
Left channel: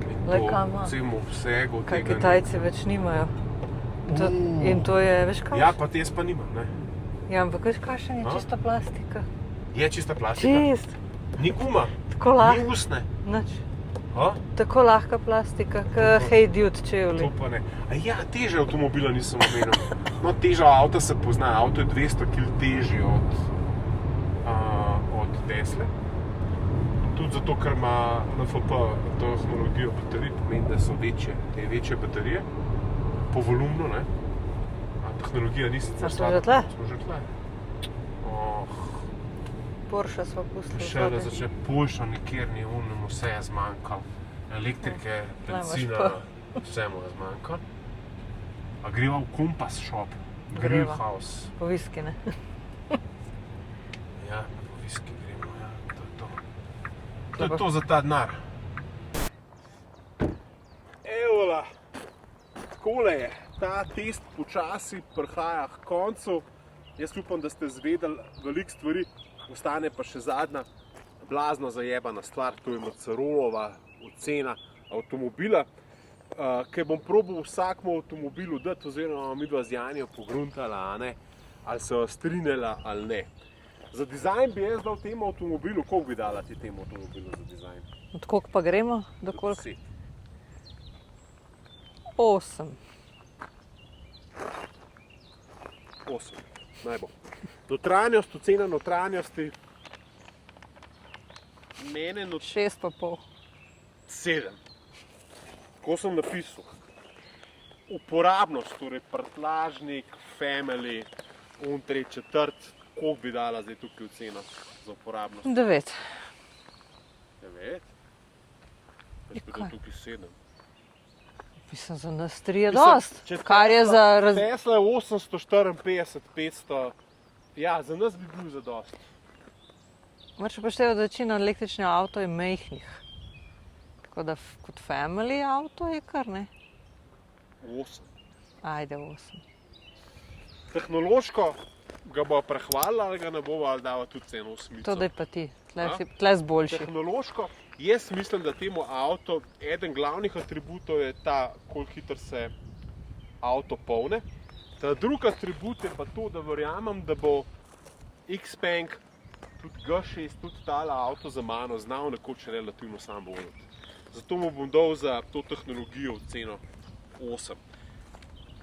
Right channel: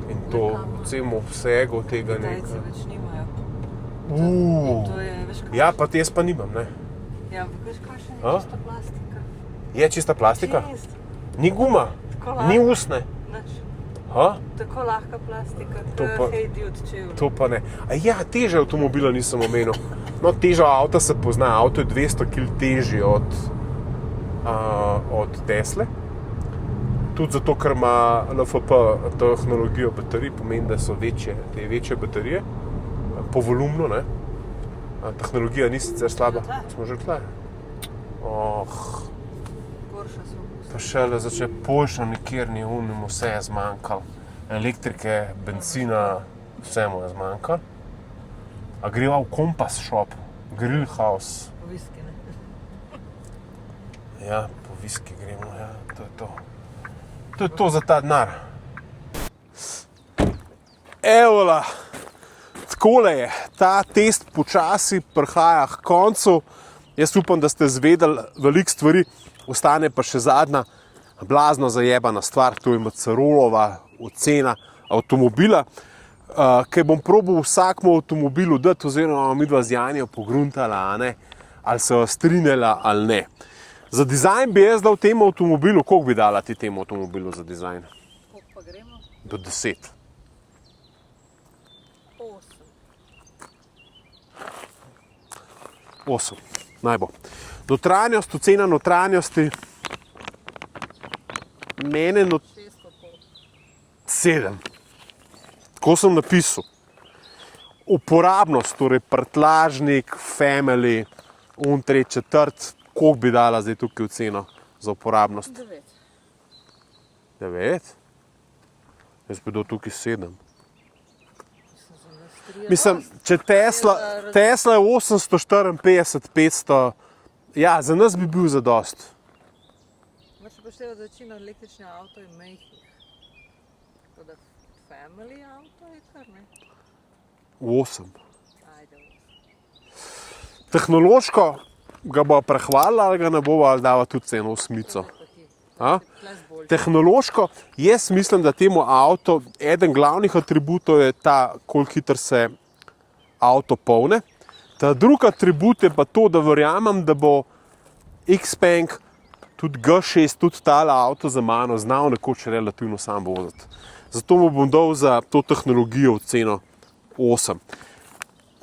In to v celem obsegu tega... Kaj Kitajci več nimajo. In to je, veš kaj? Ja, pa jaz pa nimam, ne. Ja, ampak veš kakšen je čista plastika? Je čista plastika? Čist. Ni guma? Tako lahka. Ni usne? Nič. Ha? Tako lahka plastika, Hey Dude čevlji. To pa ne. A ja, teže avtomobila nisem omenil. No, teža avta se pozna. Avto je 200 kg težji od Tesle. Tudi zato, ker ima LFP tehnologijo baterij, pomeni, da so večje baterije po volumnu, ne. Tehnologija ni sicer slaba. Smo že tle. Porsche smo pustili. Pa šele začne Porsche, nikjer ni vse je zmanjkalo. Elektrike, benzina, vse mu je zmanjkalo. A greva v Compass Shop, Grill House. Po viski, ne? Ja, po viski gremo, ja, to je to. To je to za ta denar. Evola, takole je, ta test počasi prihaja k koncu. Jaz upam, da ste zvedeli veliko stvari, ostane pa še zadnja blazno zajebana stvar, to je Mozzarellova ocena avtomobila, ki bom probal vsakmu avtomobilu dati, oziroma midva z Janjo pogruntala, ali se jo strinjala ali ne. Za dizajn bi jaz dal temu avtomobilu, koliko bi dala ti temu avtomobilu za dizajn? Od koliko pa gremo? Do 10. 8. 8. Naj bo. Notranjost, ocena notranjosti. Mene 6,5. 7. Tako sem napisal. Uporabnost, torej prtlažnik, family, tretji, četrt, koliko bi dala zdaj tukaj oceno za uporabnost? 9. 9? Jaz bi dal tukaj 7. Mislim, za nas 3 je Mislim, dost. če Kaj je Tesla, za Tesla je 854, 500, ja, za nas bi bil zadost. Moraš upoštevati, da večina električnih avtov je majhnih. Tako da kot family avto je kar, ne? 8. Ajde, 8. Tehnološko ga bo prehvalila ali ga ne bo, ali dava tudi ceno To osmico. da je pa ti. A? Tle zboljši. Tehnološko, jaz mislim, da temu avto, eden glavnih atributov je ta, koliko hitro se avto polne. Ta drugi atribut je pa to, da verjamem, da bo Xpeng, tudi G6, tudi tale avto za mano znal nekoč relativno sam voziti. Zato mu bom dal za to tehnologijo oceno 8.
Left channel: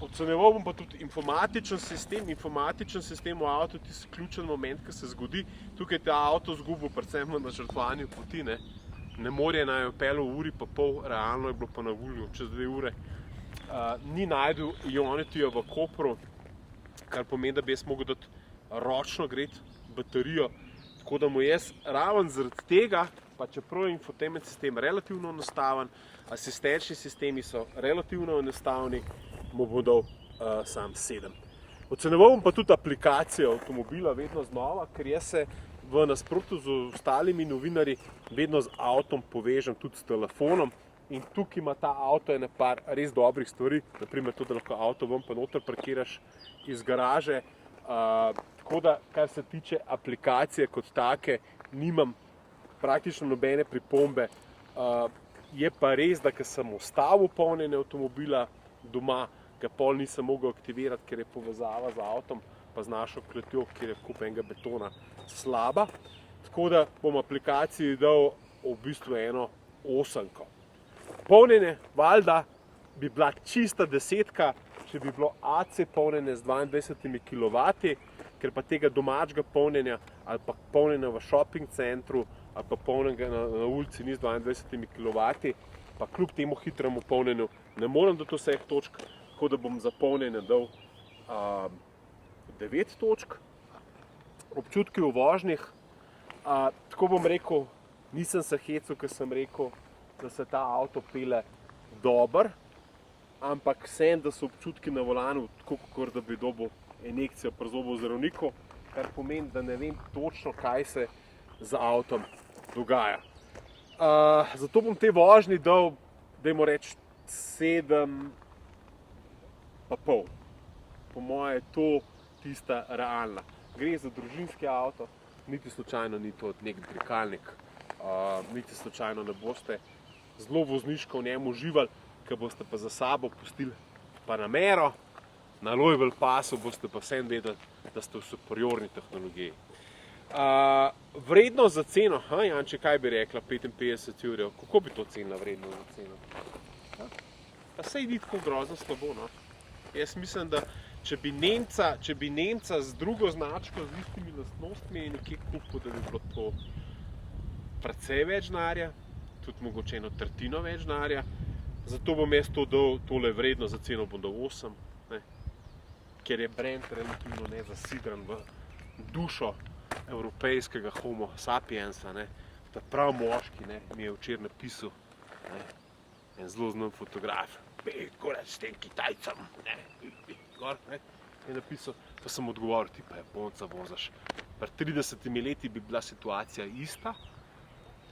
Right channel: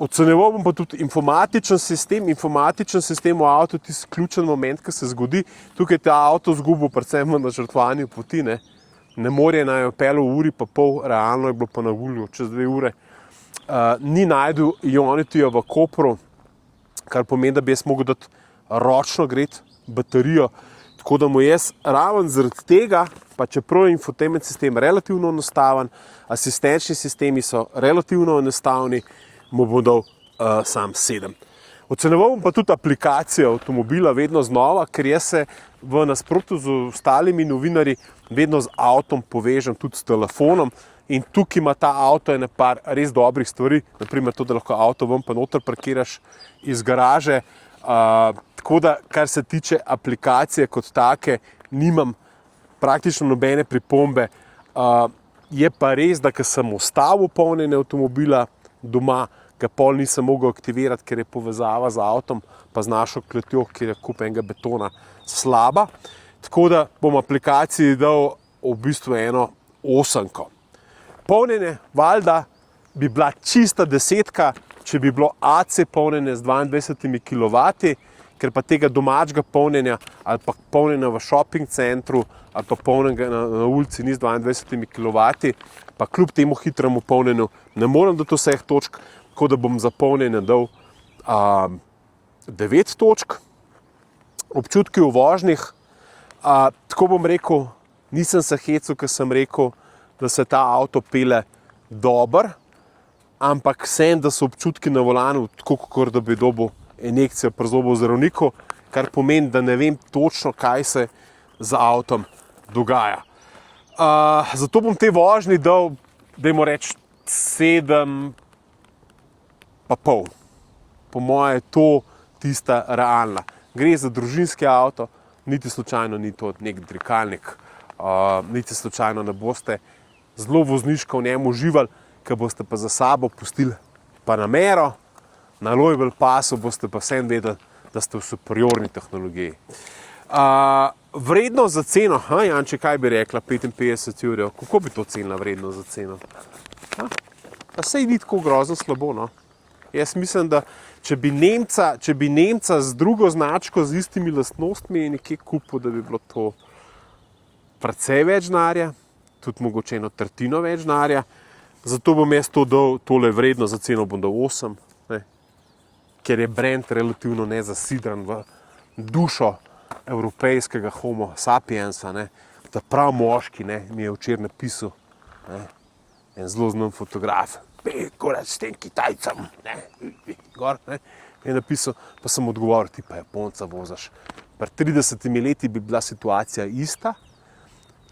Ocenjeval bom pa tudi informatičen sistem. Informatičen sistem v avtu je tisti ključen moment, ki se zgodi. Tukaj je ta avto zgubil predvsem v načrtovanju poti. Ne more naj jo peljal v uri pa pol, realno je bilo pa na voljo čez 2 ure. Ni najdel Ionity-ja v Kopru, kar pomeni, da bi jaz mogel dati ročno greti baterijo. Tako da mu jaz raven zaradi tega, pa čeprav je infotainment sistem relativno enostaven, asistenčni sistemi so relativno enostavni, mu bom dal sam 7. Ocenjeval bom pa tudi aplikacije avtomobila vedno znova, ker jaz se v nasprotju z ostalimi novinarji vedno z avtom povežem tudi s telefonom in tukaj ima ta avto ene par res dobrih stvari, naprimer to, da lahko avto ven pa noter parkiraš iz garaže. Tako da, kar se tiče aplikacije kot take, nimam praktično nobene pripombe. Je pa res, da ko sem ustavil polnjenje avtomobila doma, ga pol nisem mogel aktivirati, ker je povezava z avtom pa z našo kletjo, kjer je kup enega betona, slaba. Tako da bom aplikaciji dal v bistvu eno 8. Polnjenje, valjda, bi bila čista 10, če bi bilo AC polnjenje z 22 kW, ker pa tega domačega polnjenja ali pa polnjenja v shopping centru ali pa polnjenja na ulici ni z 22 kW, pa kljub temu hitremu polnjenju ne morem dati vseh točk, tako da bom za polnjenje dal 9 točk. Občutki v vožnjih, tako bom rekel, nisem se hecel, ker sem rekel, da se ta avto pele dobro, ampak sem, da so občutki na volanu tako, kot da bi dobil injekcijo pri zobozdravniku, kar pomeni, da ne vem točno, kaj se z avtom dogaja. Zato bom te vožnji dal, dajmo reči, 7,5. Po moje je to tista realna. Gre za družinski avto, niti slučajno ni to nek dirkalnik, niti slučajno ne boste zelo vozniško v njem uživali, ker boste pa za sabo pustili Panamero, na Louisville pasu boste pa vsem vedeli, da ste v superiorni tehnologiji. Vrednost za ceno, Janče, kaj bi rekla, 55 €, kako bi to cenila vrednost za ceno? Pa sej ni tako grozno slabo, no. Jaz mislim, da če bi Nemca z drugo značko, z istimi lastnostmi nekje kupil, da bi bilo to precej več denarja, tudi mogoče 1/3 več denarja. Zato bom jaz to dal, tole vrednost za ceno bom dal 8, ne? Ker je brand relativno nezasidran v dušo evropejskega homo sapiensa, ne? Ta prav moški, ne, mi je včeraj napisal, ne, en zelo znan fotograf, korač s tem Kitajcem, ne, gor, ne, je napisal, pa sem odgovoril, ti pa Japonca vozaš. Pred 30 leti bi bila situacija ista,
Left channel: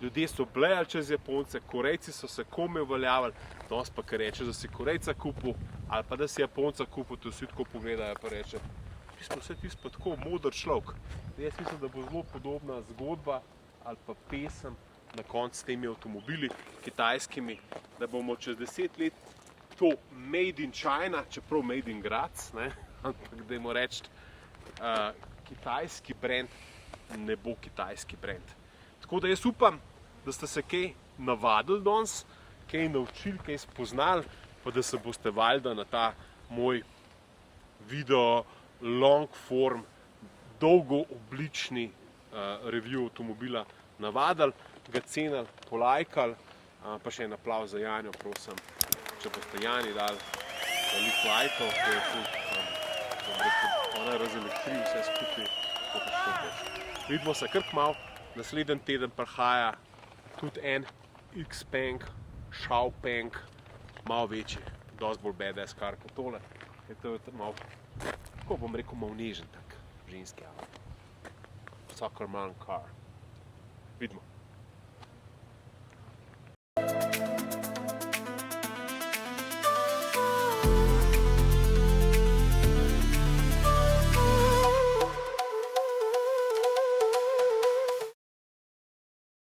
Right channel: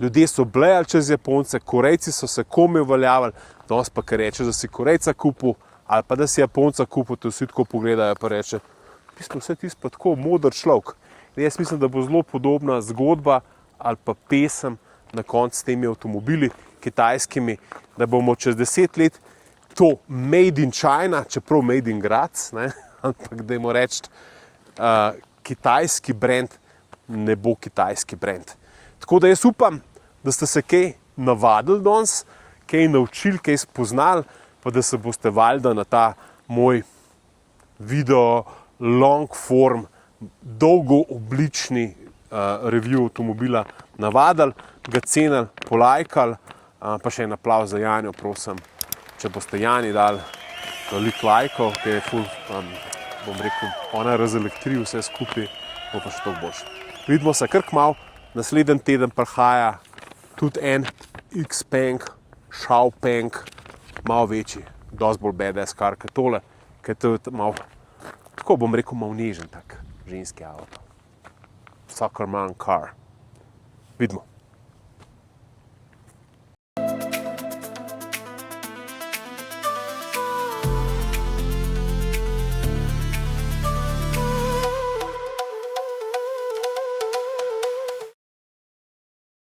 ljudje so blejali čez Japonce, Korejci so se komaj uveljavili, danes pa, ker rečeš, da si Korejca kupil, ali pa da si Japonca kupil, to vsi tako pogledajo, pa reče, vse tisto pa tako moder človek. Jaz mislim, da bo zelo podobna zgodba ali pa pesem na koncu s temi avtomobili kitajskimi, da bomo čez 10 let to made in China, čeprav made in Graz, ne, ampak dajmo reči, kitajski brand ne bo kitajski brand. Tako da jaz upam, da ste se kaj navadili danes, kaj naučili, kaj spoznali, pa da se boste valjda na ta moj video long form dolgooblični review avtomobila navadili, ga cenili, polajkali, pa še en aplavz za Janjo, prosim, če boste Jani dali veliko lajkov, ki je ful, bom rekel, ona razelektri vse skupaj, bo pa še to boljše. Vidimo se kar kmalu, naslednji teden prihaja tudi en Xpeng, Xiaopeng, malo večji, dosti bolj badass kar kot tole, ker to je malo, tako bom rekel, malo nežen tak ženski avto. Soccer man car. Vidimo.